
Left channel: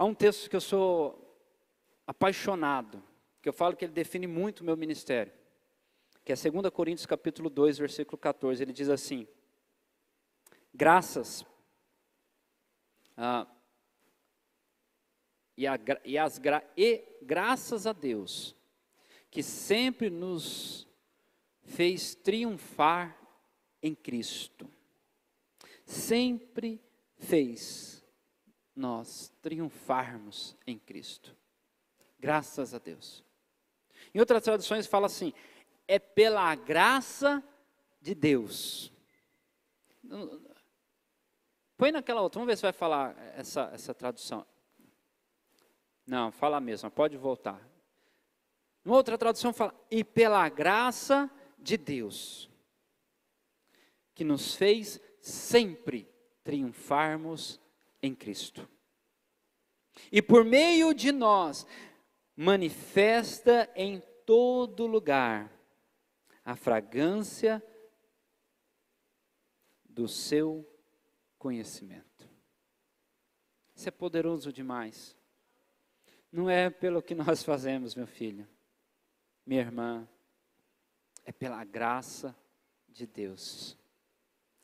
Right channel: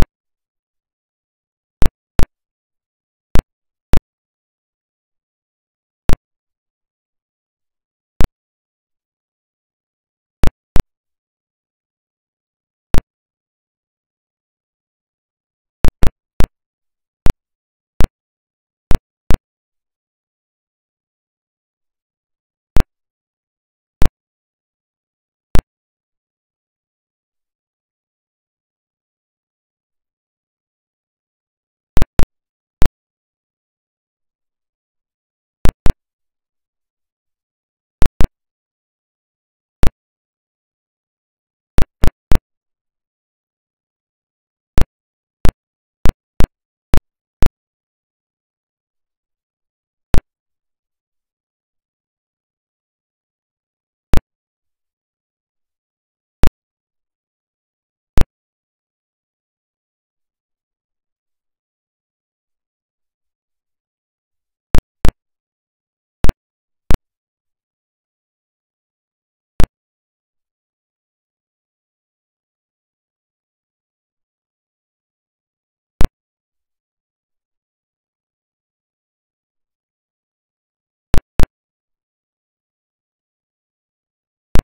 Há um texto que eu sou apaixonado, que eu falo que ele define muito o meu ministério, que é 2 Coríntios capítulo 2, versículo 14. Ele diz assim, graças graças a Deus, que sempre nos fez triunfar em Cristo, sempre fez nós triunfarmos em Cristo. Graças a Deus. Em outras traduções fala assim, é pela graça de Deus. Põe naquela outra, vamos ver se vai falar essa tradução. Não, fala mesmo, pode voltar. Uma outra tradução fala, e pela graça de Deus, que nos fez sempre triunfarmos em Cristo. E por meio de nós, manifesta em todo lugar a fragrância do seu conhecimento. Isso é poderoso demais. Não é pelo que nós fazemos, meu filho, minha irmã, é pela graça de Deus.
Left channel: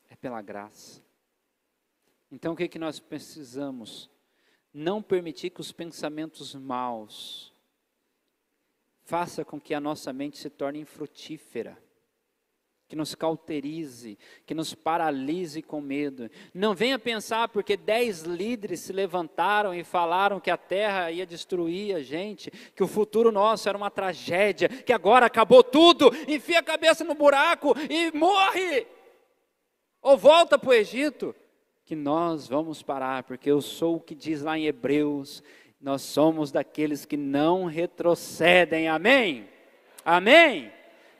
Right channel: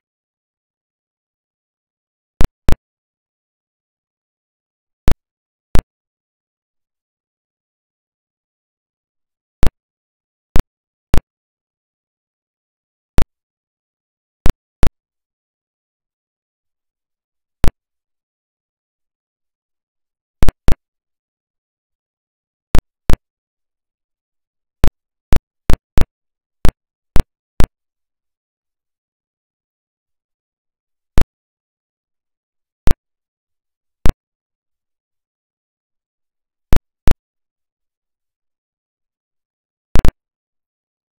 É pela graça. Então o que nós precisamos? Não permitir que os pensamentos maus faça com que a nossa mente se torne infrutífera, que nos cauterize, que nos paralise com medo. Não venha pensar porque 10 líderes se levantaram e falaram que a terra ia destruir a gente, que o futuro nosso era uma tragédia, que agora acabou tudo, enfia a cabeça no buraco e morre, ou volta para o Egito, que nós vamos parar, porque eu sou o que diz lá em Hebreus, nós somos daqueles que não retrocedem, amém? Amém?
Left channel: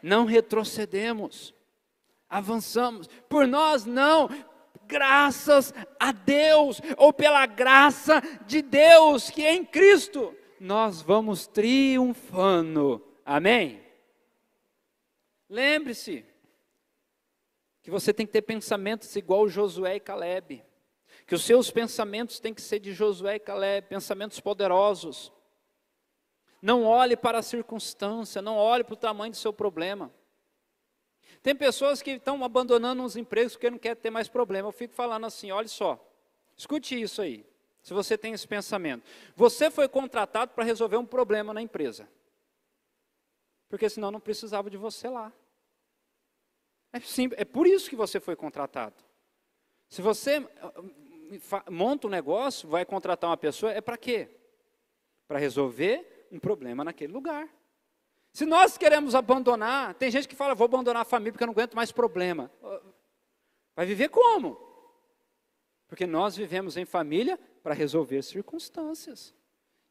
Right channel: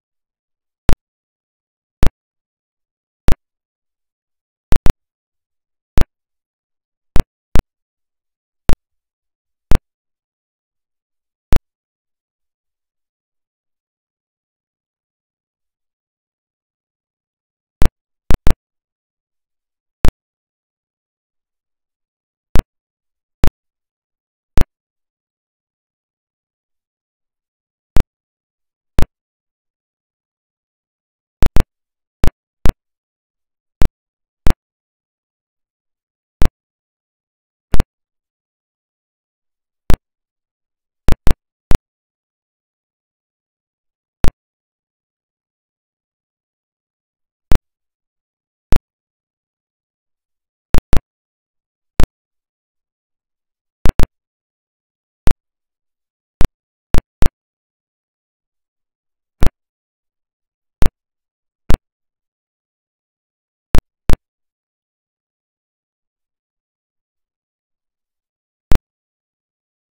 Não retrocedemos, avançamos, por nós não, graças a Deus, ou pela graça de Deus, que é em Cristo, nós vamos triunfando, amém? Lembre-se, que você tem que ter pensamentos igual Josué e Calebe, que os seus pensamentos têm que ser de Josué e Calebe, pensamentos poderosos. Não olhe para a circunstância, não olhe para o tamanho do seu problema. Tem pessoas que estão abandonando uns empregos porque não querem ter mais problema. Eu fico falando assim, olha só, escute isso aí, se você tem esse pensamento. Você foi contratado para resolver um problema na empresa, porque senão não precisava de você lá. É por isso que você foi contratado. Se você monta um negócio, vai contratar uma pessoa, é para quê? Para resolver um problema naquele lugar. Se nós queremos abandonar, tem gente que fala, vou abandonar a família porque eu não aguento mais problema. Vai viver como? Porque nós vivemos em família para resolver circunstâncias.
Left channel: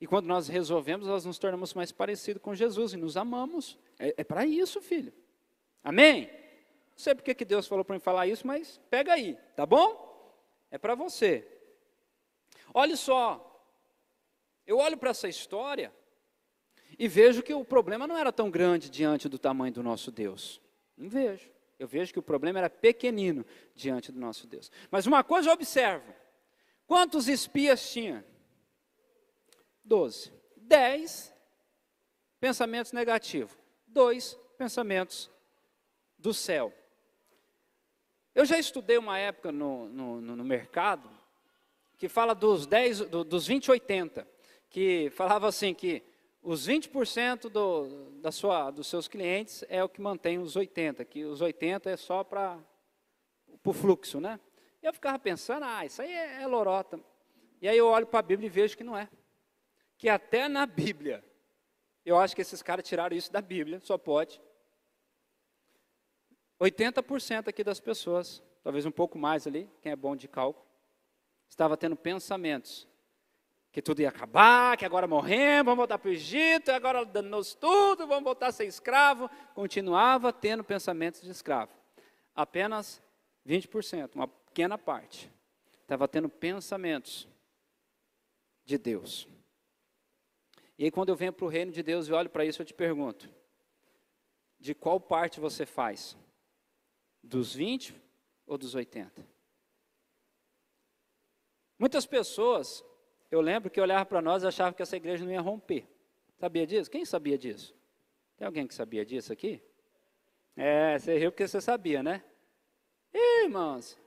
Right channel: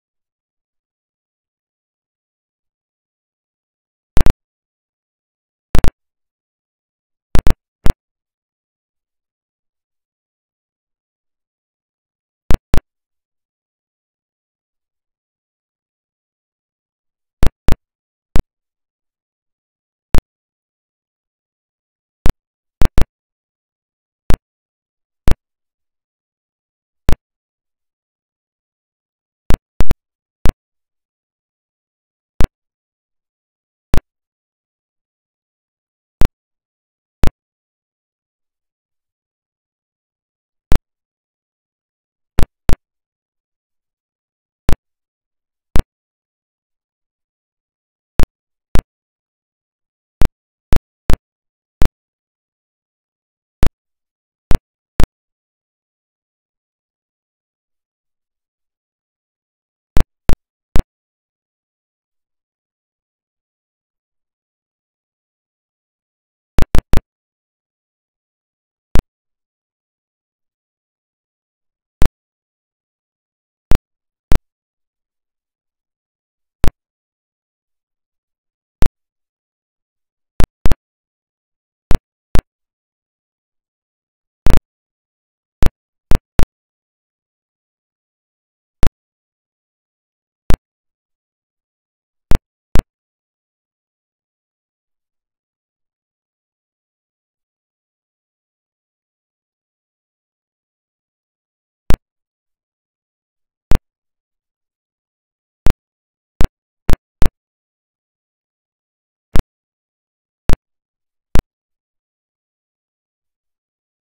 E quando nós resolvemos, nós nos tornamos mais parecidos com Jesus e nos amamos. É para isso, filho. Amém? Não sei porque que Deus falou para mim falar isso, mas pega aí, tá bom? É para você. Olha só, eu olho para essa história e vejo que o problema não era tão grande diante do tamanho do nosso Deus. Não vejo. Eu vejo que o problema era pequenino diante do nosso Deus. Mas uma coisa eu observo. Quantos espias tinha? 12. 10 pensamentos negativos. 2 pensamentos do céu. Eu já estudei uma época no mercado que fala dos 20-80, que falava assim que os 20% dos seus clientes é o que mantém os 80%, que os 80% é só para o fluxo, né? E eu ficava pensando, isso aí é lorota. E aí eu olho para a Bíblia e vejo que não é. Que até na Bíblia, eu acho que esses caras tiraram isso da Bíblia, só pode. 80% aqui das pessoas, talvez um pouco mais ali, quem é bom de cálculo, estava tendo pensamentos que tudo ia acabar, que agora morremos, vamos voltar para o Egito, agora danou-se tudo, vamos voltar a ser escravo. Continuava tendo pensamentos de escravo. Apenas 20%, uma pequena parte, estava tendo pensamentos de Deus. E aí quando eu venho para o reino de Deus e olho para isso, eu te pergunto, de qual parte você faz? Dos 20 ou dos 80? Muitas pessoas, eu lembro que olhavam para nós e achavam que essa igreja não ia romper. Sabia disso? Quem sabia disso? Tem alguém que sabia disso aqui? Você riu porque você sabia, né? Irmãos,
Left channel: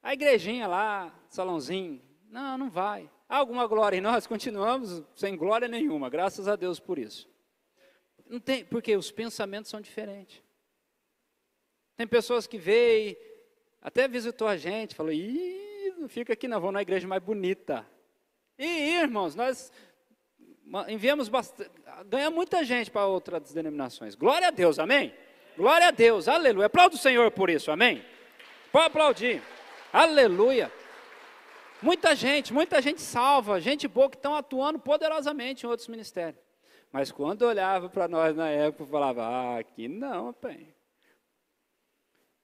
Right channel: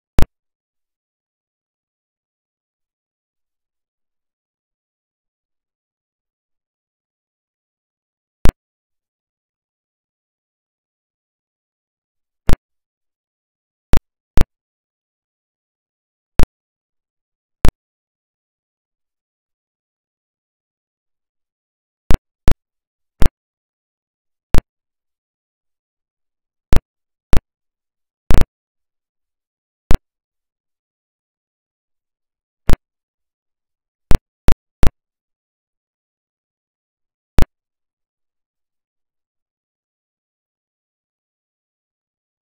a igrejinha lá, salãozinho, não vai. Há alguma glória em nós? Continuamos sem glória nenhuma, graças a Deus por isso. Não tem, porque os pensamentos são diferentes. Tem pessoas que veio, até visitou a gente, falou, Não fica aqui não, vamos na igreja mais bonita. E irmãos, nós enviamos bastante, ganha muita gente para outras denominações. Glória a Deus, amém? Glória a Deus, aleluia. Aplauda o Senhor por isso, amém? Pode aplaudir, aleluia. Muita gente salva, gente boa que estão atuando poderosamente em outros ministérios. Mas quando olhava para nós na época, falava, aqui não, rapaz.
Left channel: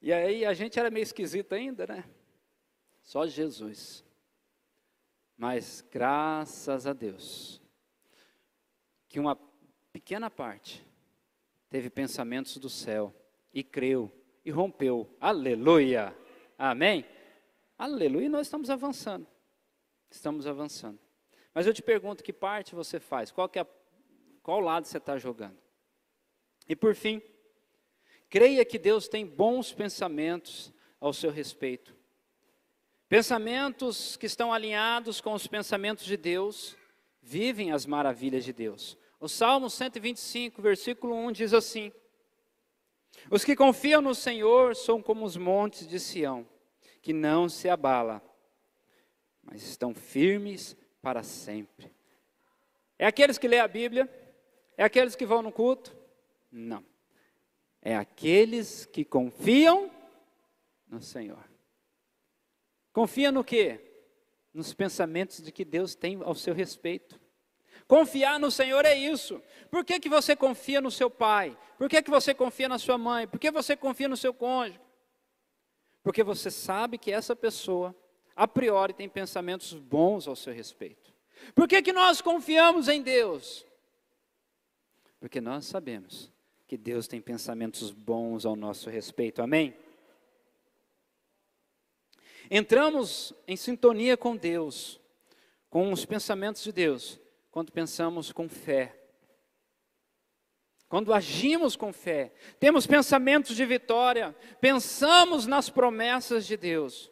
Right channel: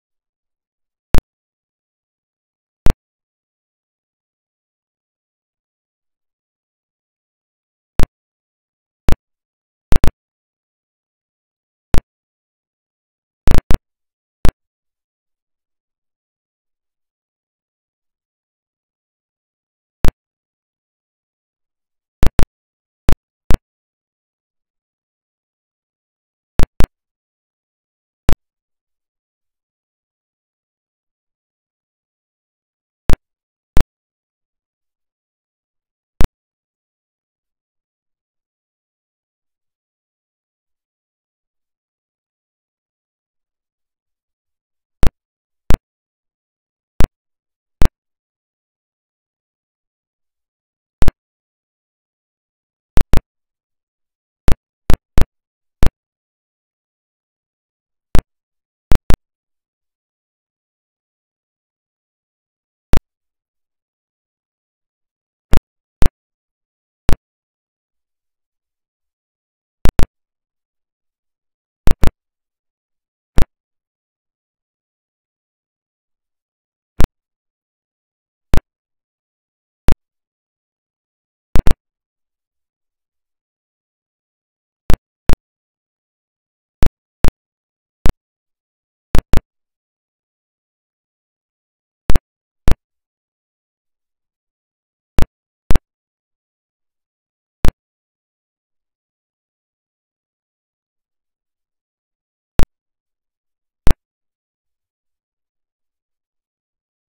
E aí a gente era meio esquisito ainda, né? Só Jesus. Mas graças a Deus, que uma pequena parte teve pensamentos do céu, e creu, e rompeu. Aleluia! Amém? Aleluia! E nós estamos avançando. Estamos avançando. Mas eu te pergunto, que parte você faz? Qual lado você está jogando? E por fim, creia que Deus tem bons pensamentos ao seu respeito. Pensamentos que estão alinhados com os pensamentos de Deus, vivem as maravilhas de Deus. O Salmo 125, versículo 1 diz assim: os que confiam no Senhor são como os montes de Sião, que não se abala, mas estão firmes para sempre. É aqueles que lêem a Bíblia? É aqueles que vão no culto? Não. É aqueles que confiam no Senhor. Confia no quê? Nos pensamentos de que Deus tem ao seu respeito. Confiar no Senhor é isso. Por que você confia no seu pai? Por que você confia na sua mãe? Por que você confia no seu cônjuge? Porque você sabe que essa pessoa, a priori, tem pensamentos bons ao seu respeito. Por que nós confiamos em Deus? Porque nós sabemos que Deus tem pensamentos bons ao nosso respeito. Amém? Entramos em sintonia com Deus, com os pensamentos de Deus, quando pensamos com fé. Quando agimos com fé, temos pensamentos de vitória, pensamos nas promessas de Deus.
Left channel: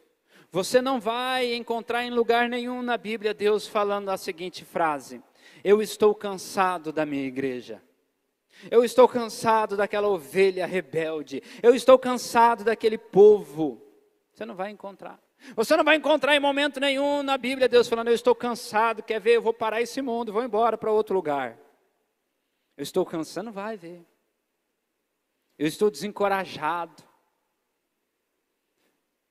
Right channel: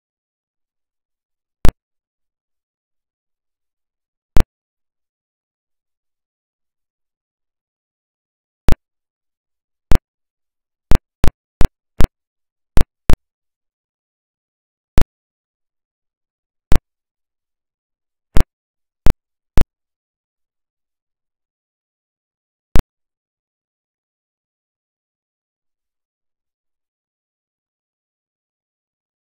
Você não vai encontrar em lugar nenhum na Bíblia Deus falando a seguinte frase: eu estou cansado da minha igreja. Eu estou cansado daquela ovelha rebelde. Eu estou cansado daquele povo. Você não vai encontrar. Você não vai encontrar em momento nenhum na Bíblia Deus falando: eu estou cansado, quer ver, eu vou parar esse mundo, vou embora para outro lugar. Eu estou cansado, não vai ver. Eu estou desencorajado.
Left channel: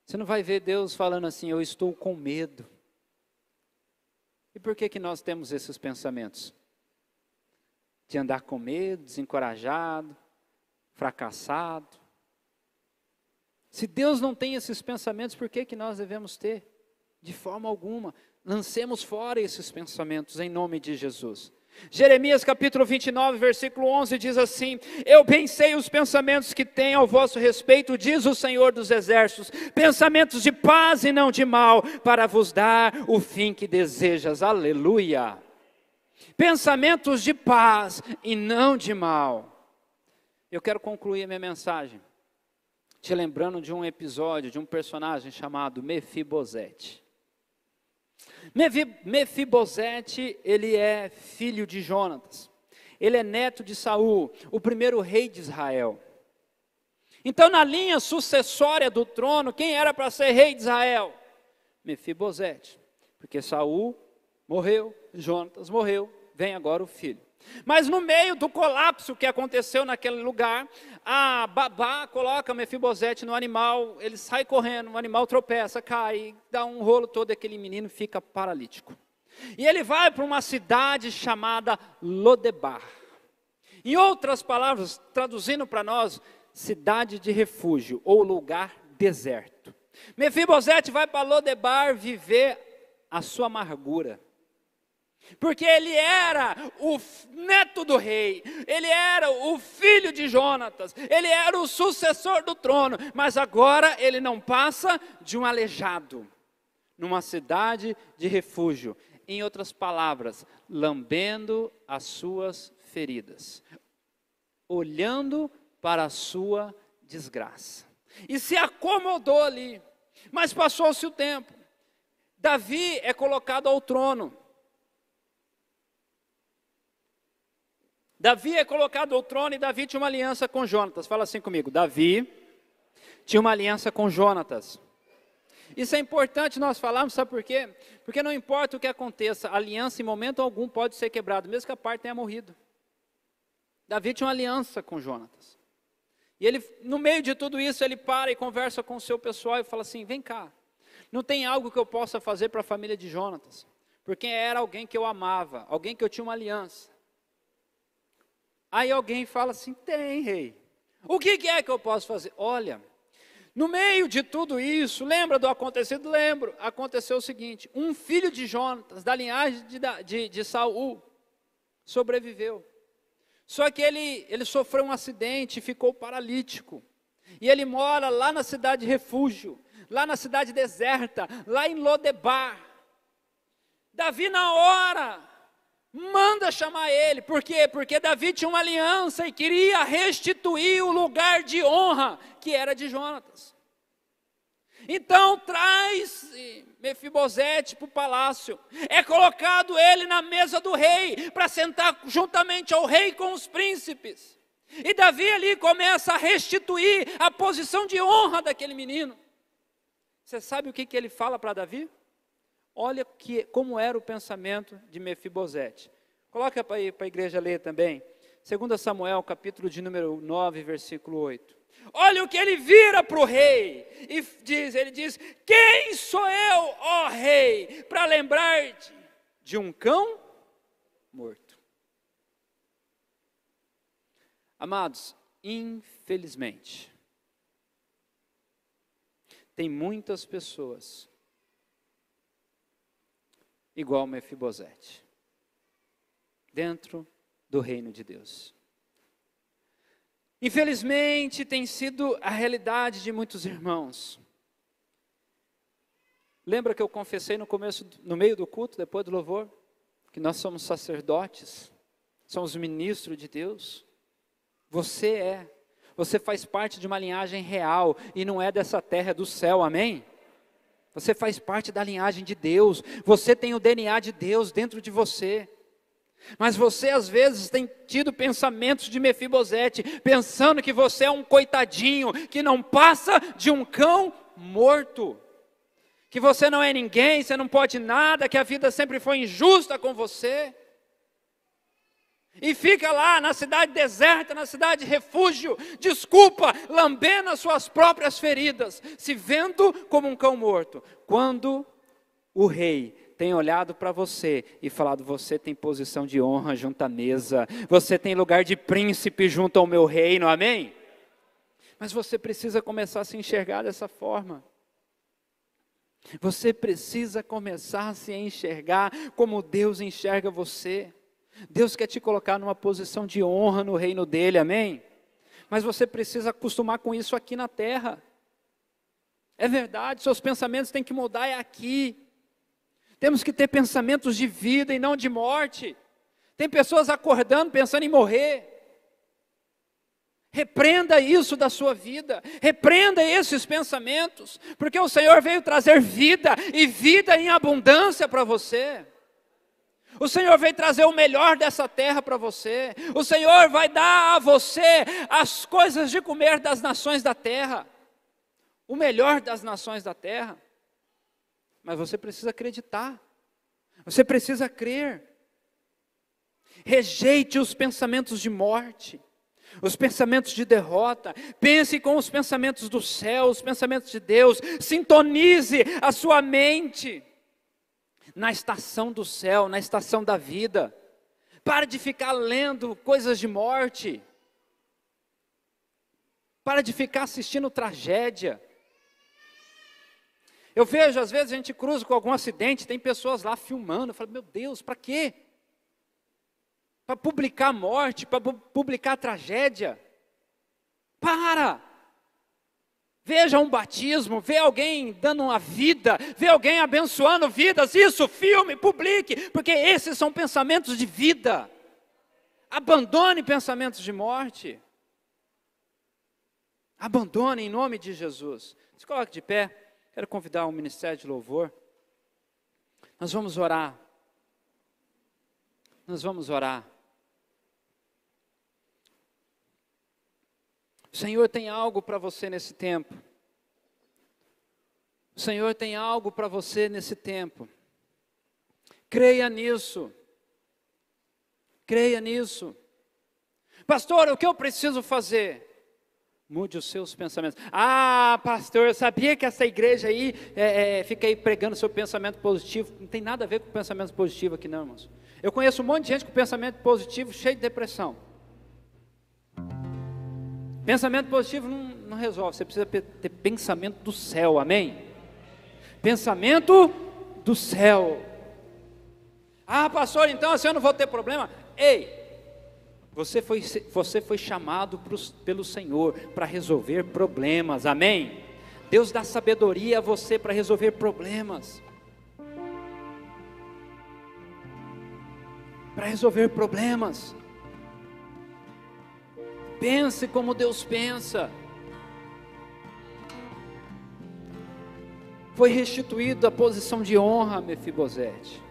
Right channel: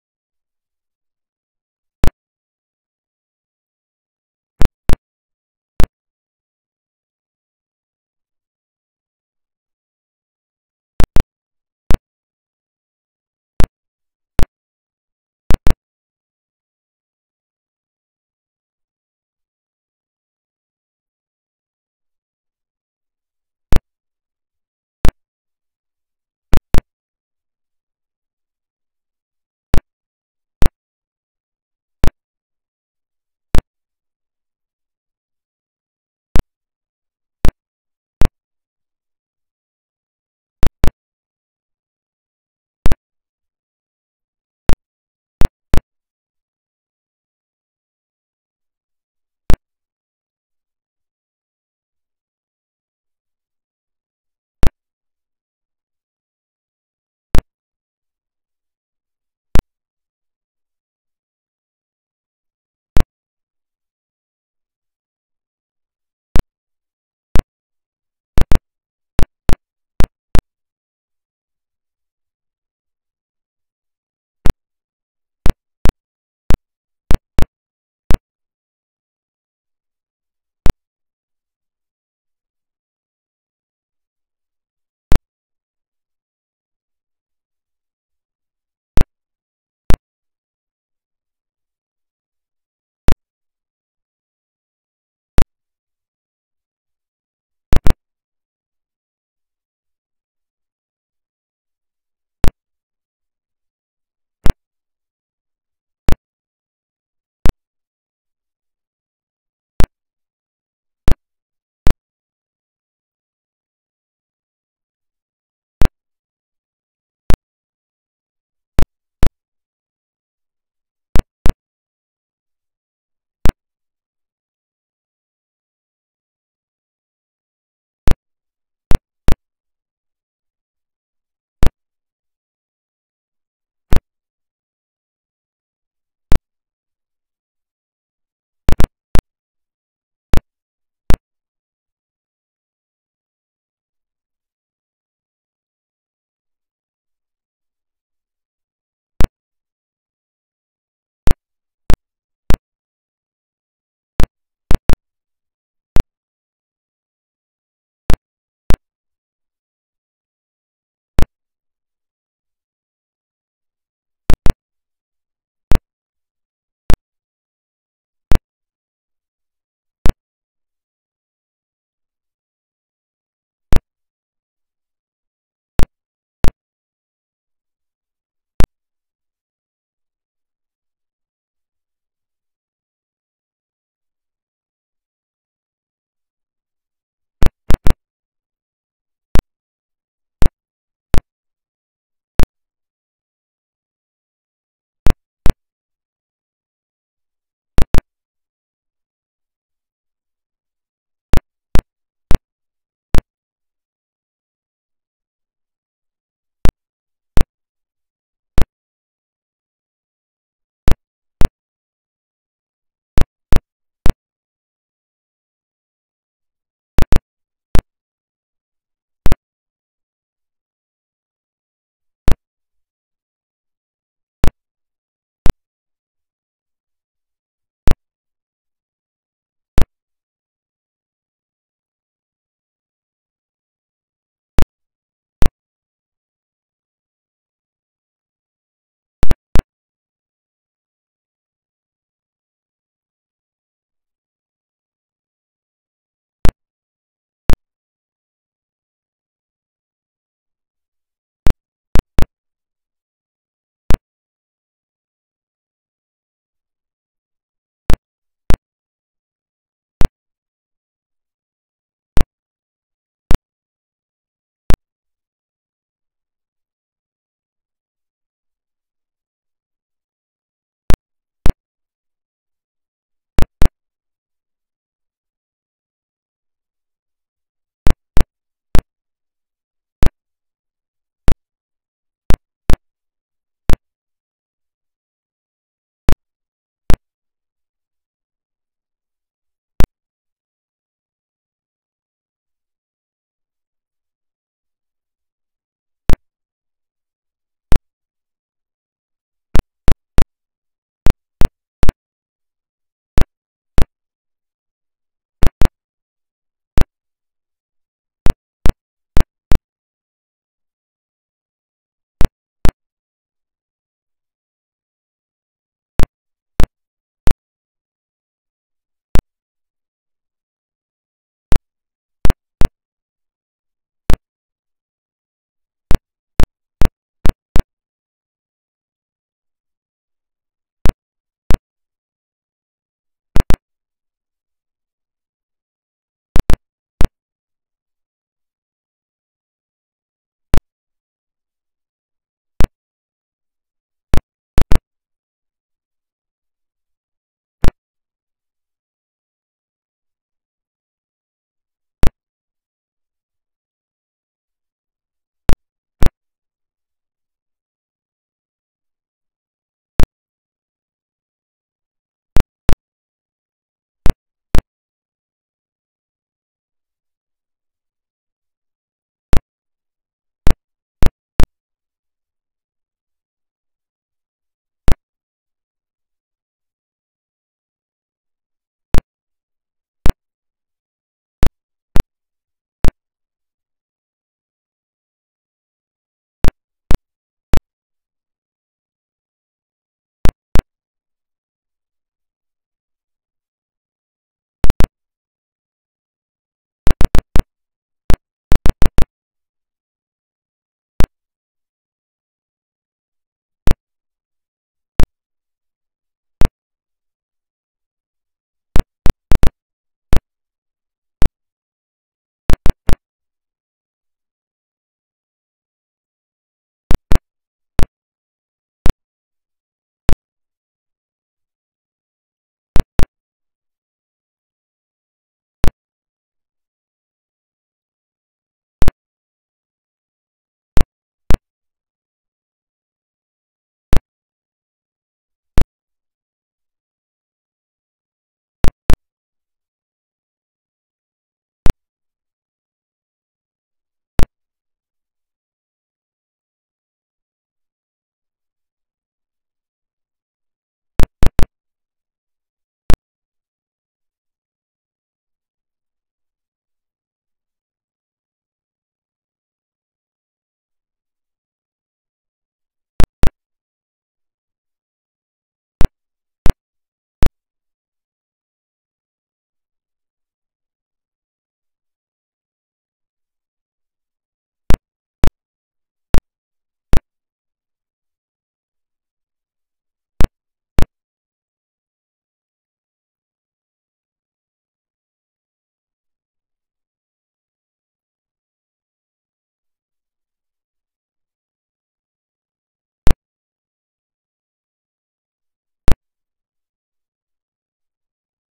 Você não vai ver Deus falando assim: eu estou com medo. E por que nós temos esses pensamentos? De andar com medo, desencorajado, fracassado. Se Deus não tem esses pensamentos, por que nós devemos ter? De forma alguma. Lancemos fora esses pensamentos em nome de Jesus. Jeremias capítulo 29, versículo 11 diz assim: eu pensei os pensamentos que tenho ao vosso respeito, diz o Senhor dos Exércitos, pensamentos de paz e não de mal, para vos dar o fim que desejas. Aleluia! Pensamentos de paz e não de mal. Eu quero concluir a minha mensagem te lembrando de um episódio, de um personagem chamado Mefibosete. Mefibosete, ele é filho de Jonatas. Ele é neto de Saul, o primeiro rei de Israel. Então, na linha sucessória do trono, quem era para ser rei de Israel? Mefibosete. Porque Saul morreu, Jonatas morreu, vem agora o filho. Mas no meio do colapso que aconteceu naquele lugar, a babá coloca Mefibosete no animal, ele sai correndo, o animal tropeça, cai, dá um rolo todo, aquele menino fica paralítico. E ele vai para uma cidade chamada Lodebar. Em outras palavras, traduzindo para nós, cidade de refúgio ou lugar deserto. Mefibosete vai para Lodebar viver a sua amargura. Porque ele era o neto do rei, ele era o filho de Jonatas, ele era o sucessor do trono, mas agora ele não passa de um aleijado, numa cidade de refúgio. Em outras palavras, lambendo as suas feridas, olhando para a sua desgraça. E se acomodou ali, mas passou-se o tempo. Davi é colocado ao trono. Davi é colocado ao trono e Davi tinha uma aliança com Jonatas. Fala assim comigo: Davi tinha uma aliança com Jonatas. Isso é importante nós falarmos, sabe por quê? Porque não importa o que aconteça, a aliança em momento algum pode ser quebrada, mesmo que a parte tenha morrido. Davi tinha uma aliança com Jonatas. E ele, no meio de tudo isso, ele para e conversa com o seu pessoal e fala assim, vem cá, não tem algo que eu possa fazer para a família de Jonatas? Porque era alguém que eu amava, alguém que eu tinha uma aliança. Aí alguém fala assim, tem, rei. O que é que eu posso fazer? Olha, no meio de tudo isso, lembra do acontecido? Lembro. Aconteceu o seguinte, um filho de Jonatas, da linhagem de Saul, sobreviveu. Só que ele sofreu um acidente e ficou paralítico. E ele mora lá na cidade de refúgio, lá na cidade deserta, lá em Lodebar. Davi na hora manda chamar ele. Por quê? Porque Davi tinha uma aliança e queria restituir o lugar de honra que era de Jonatas. Então traz Mefibosete para o palácio. É colocado ele na mesa do rei, para sentar juntamente ao rei com os príncipes. E Davi ali começa a restituir a posição de honra daquele menino. Você sabe o que ele fala para Davi? Olha como era o pensamento de Mefibosete. Coloca para a igreja ler também. 2 Samuel, capítulo de número 9, versículo 8. Olha o que ele vira para o rei. E ele diz, quem sou eu, ó rei, para lembrar-te de um cão morto? Amados, infelizmente, tem muitas pessoas igual Mefibosete, dentro do reino de Deus. Infelizmente, tem sido a realidade de muitos irmãos. Lembra que eu confessei no meio do culto, depois do louvor, que nós somos sacerdotes, somos ministros de Deus? Você faz parte de uma linhagem real, e não é dessa terra, é do céu, amém? Você faz parte da linhagem de Deus, você tem o DNA de Deus dentro de você. Mas você às vezes tem tido pensamentos de Mefibosete, pensando que você é um coitadinho, que não passa de um cão morto. Que você não é ninguém, você não pode nada, que a vida sempre foi injusta com você. E fica lá na cidade deserta, na cidade de refúgio, desculpa, lambendo as suas próprias feridas, se vendo como um cão morto. Quando o rei tem olhado para você e falado, você tem posição de honra junto à mesa, você tem lugar de príncipe junto ao meu reino, amém? Mas você precisa começar a se enxergar dessa forma. Você precisa começar a se enxergar como Deus enxerga você. Deus quer te colocar numa posição de honra no reino dele, amém? Mas você precisa acostumar com isso aqui na terra. É verdade, seus pensamentos têm que mudar aqui. Temos que ter pensamentos de vida e não de morte. Tem pessoas acordando pensando em morrer. Repreenda isso da sua vida, repreenda esses pensamentos, porque o Senhor veio trazer vida, e vida em abundância para você. O Senhor veio trazer o melhor dessa terra para você. O Senhor vai dar a você as coisas de comer das nações da terra. O melhor das nações da terra. Mas você precisa acreditar. Você precisa crer. Rejeite os pensamentos de morte, os pensamentos de derrota. Pense com os pensamentos do céu, os pensamentos de Deus. Sintonize a sua mente na estação do céu, na estação da vida. Pare de ficar lendo coisas de morte. Para de ficar assistindo tragédia. Eu vejo, às vezes, a gente cruza com algum acidente, tem pessoas lá filmando. Eu falo, meu Deus, para quê? Para publicar a morte, para publicar a tragédia. Para! Veja um batismo, vê alguém dando uma vida, vê alguém abençoando vidas, isso, filme, publique, porque esses são pensamentos de vida. Abandone pensamentos de morte. Abandone em nome de Jesus. Se coloque de pé, quero convidar o ministério de louvor. Nós vamos orar. Nós vamos orar. O Senhor tem algo para você nesse tempo. O Senhor tem algo para você nesse tempo. Creia nisso. Creia nisso. Pastor, o que eu preciso fazer? Mude os seus pensamentos. Ah, pastor, eu sabia que essa igreja aí fica aí pregando seu pensamento positivo. Não tem nada a ver com pensamento positivo aqui não, irmãos. Eu conheço um monte de gente com pensamento positivo, cheio de depressão. Pensamento positivo não resolve, você precisa ter pensamento do céu, amém? Pensamento do céu. Ah, pastor, então assim eu não vou ter problema. Ei, você foi chamado pelo Senhor para resolver problemas, amém? Deus dá sabedoria a você para resolver problemas. Para resolver problemas. Pense como Deus pensa. Foi restituído a posição de honra a Mefibosete.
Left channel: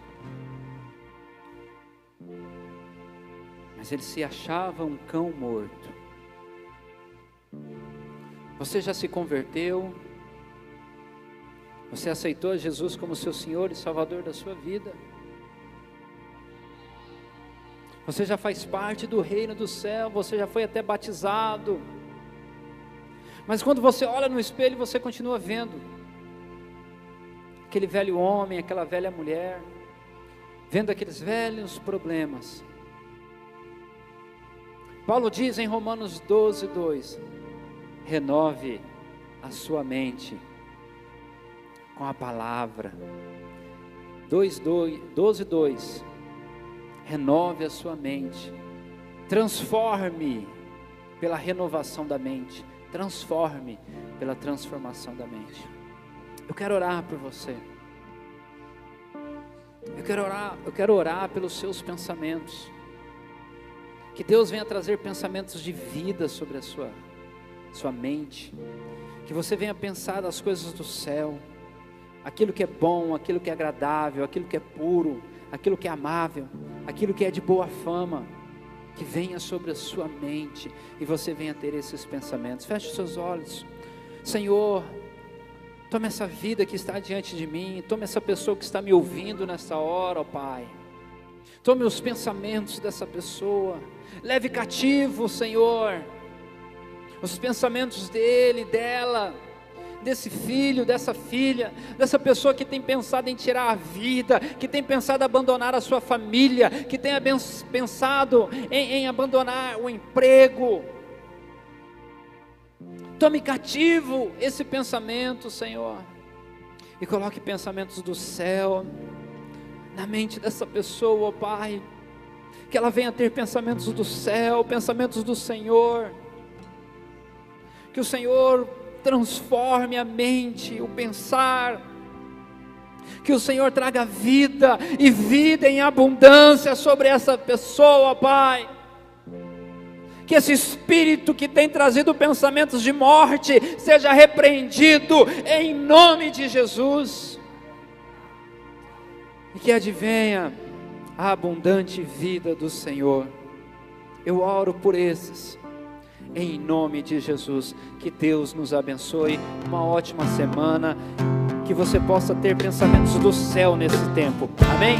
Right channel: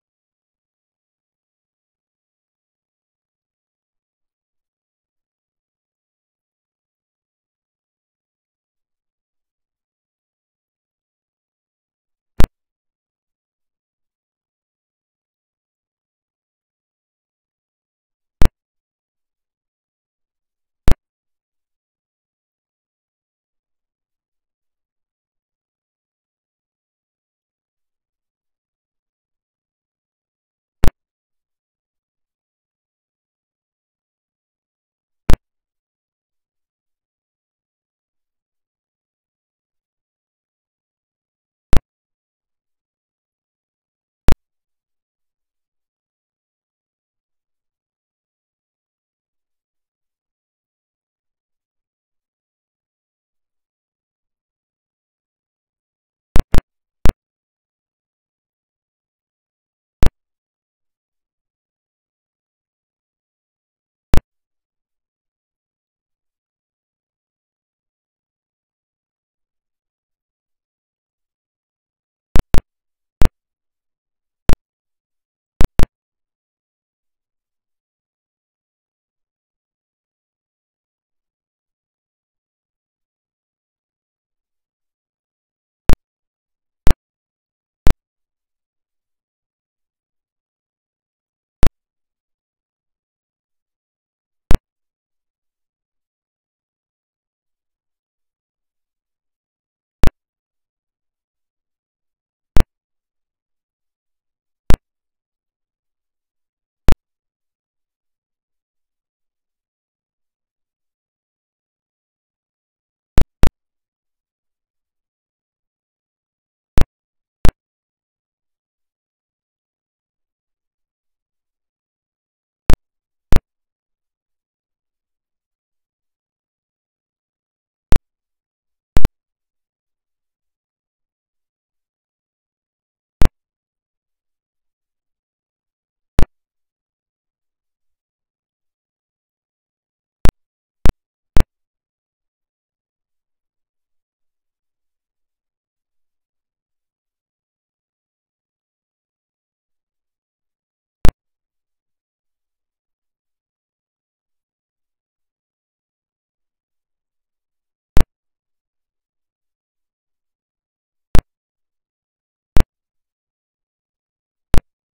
Mas ele se achava um cão morto. Você já se converteu? Você aceitou Jesus como seu Senhor e Salvador da sua vida? Você já faz parte do reino do céu, você já foi até batizado. Mas quando você olha no espelho, você continua vendo aquele velho homem, aquela velha mulher, vendo aqueles velhos problemas. Paulo diz em Romanos 12:2, renove a sua mente com a palavra. 12:2, renove a sua mente, transforme pela renovação da mente, transforme pela transformação da mente. Eu quero orar por você. Eu quero orar pelos seus pensamentos. Que Deus venha trazer pensamentos de vida sobre a sua mente. Que você venha pensar nas coisas do céu, aquilo que é bom, aquilo que é agradável, aquilo que é puro, aquilo que é amável, aquilo que é de boa fama. Que venha sobre a sua mente e você venha ter esses pensamentos. Feche os seus olhos. Senhor, tome essa vida que está diante de mim, tome essa pessoa que está me ouvindo nessa hora, ó Pai. Tome os pensamentos dessa pessoa, leve cativo, Senhor, os pensamentos dele, dela, desse filho, dessa filha, dessa pessoa que tem pensado em tirar a vida, que tem pensado em abandonar a sua família, que tem pensado em abandonar o emprego. Tome cativo esse pensamento, Senhor, e coloque pensamentos do céu na mente dessa pessoa, ó Pai, que ela venha ter pensamentos do céu, pensamentos do Senhor, que o Senhor transforme a mente, o pensar, que o Senhor traga vida e vida em abundância sobre essa pessoa, Pai. Que esse espírito que tem trazido pensamentos de morte seja repreendido em nome de Jesus, e que advenha a abundante vida do Senhor. Eu oro por esses, em nome de Jesus. Que Deus nos abençoe, uma ótima semana, que você possa ter pensamentos do céu nesse tempo, amém?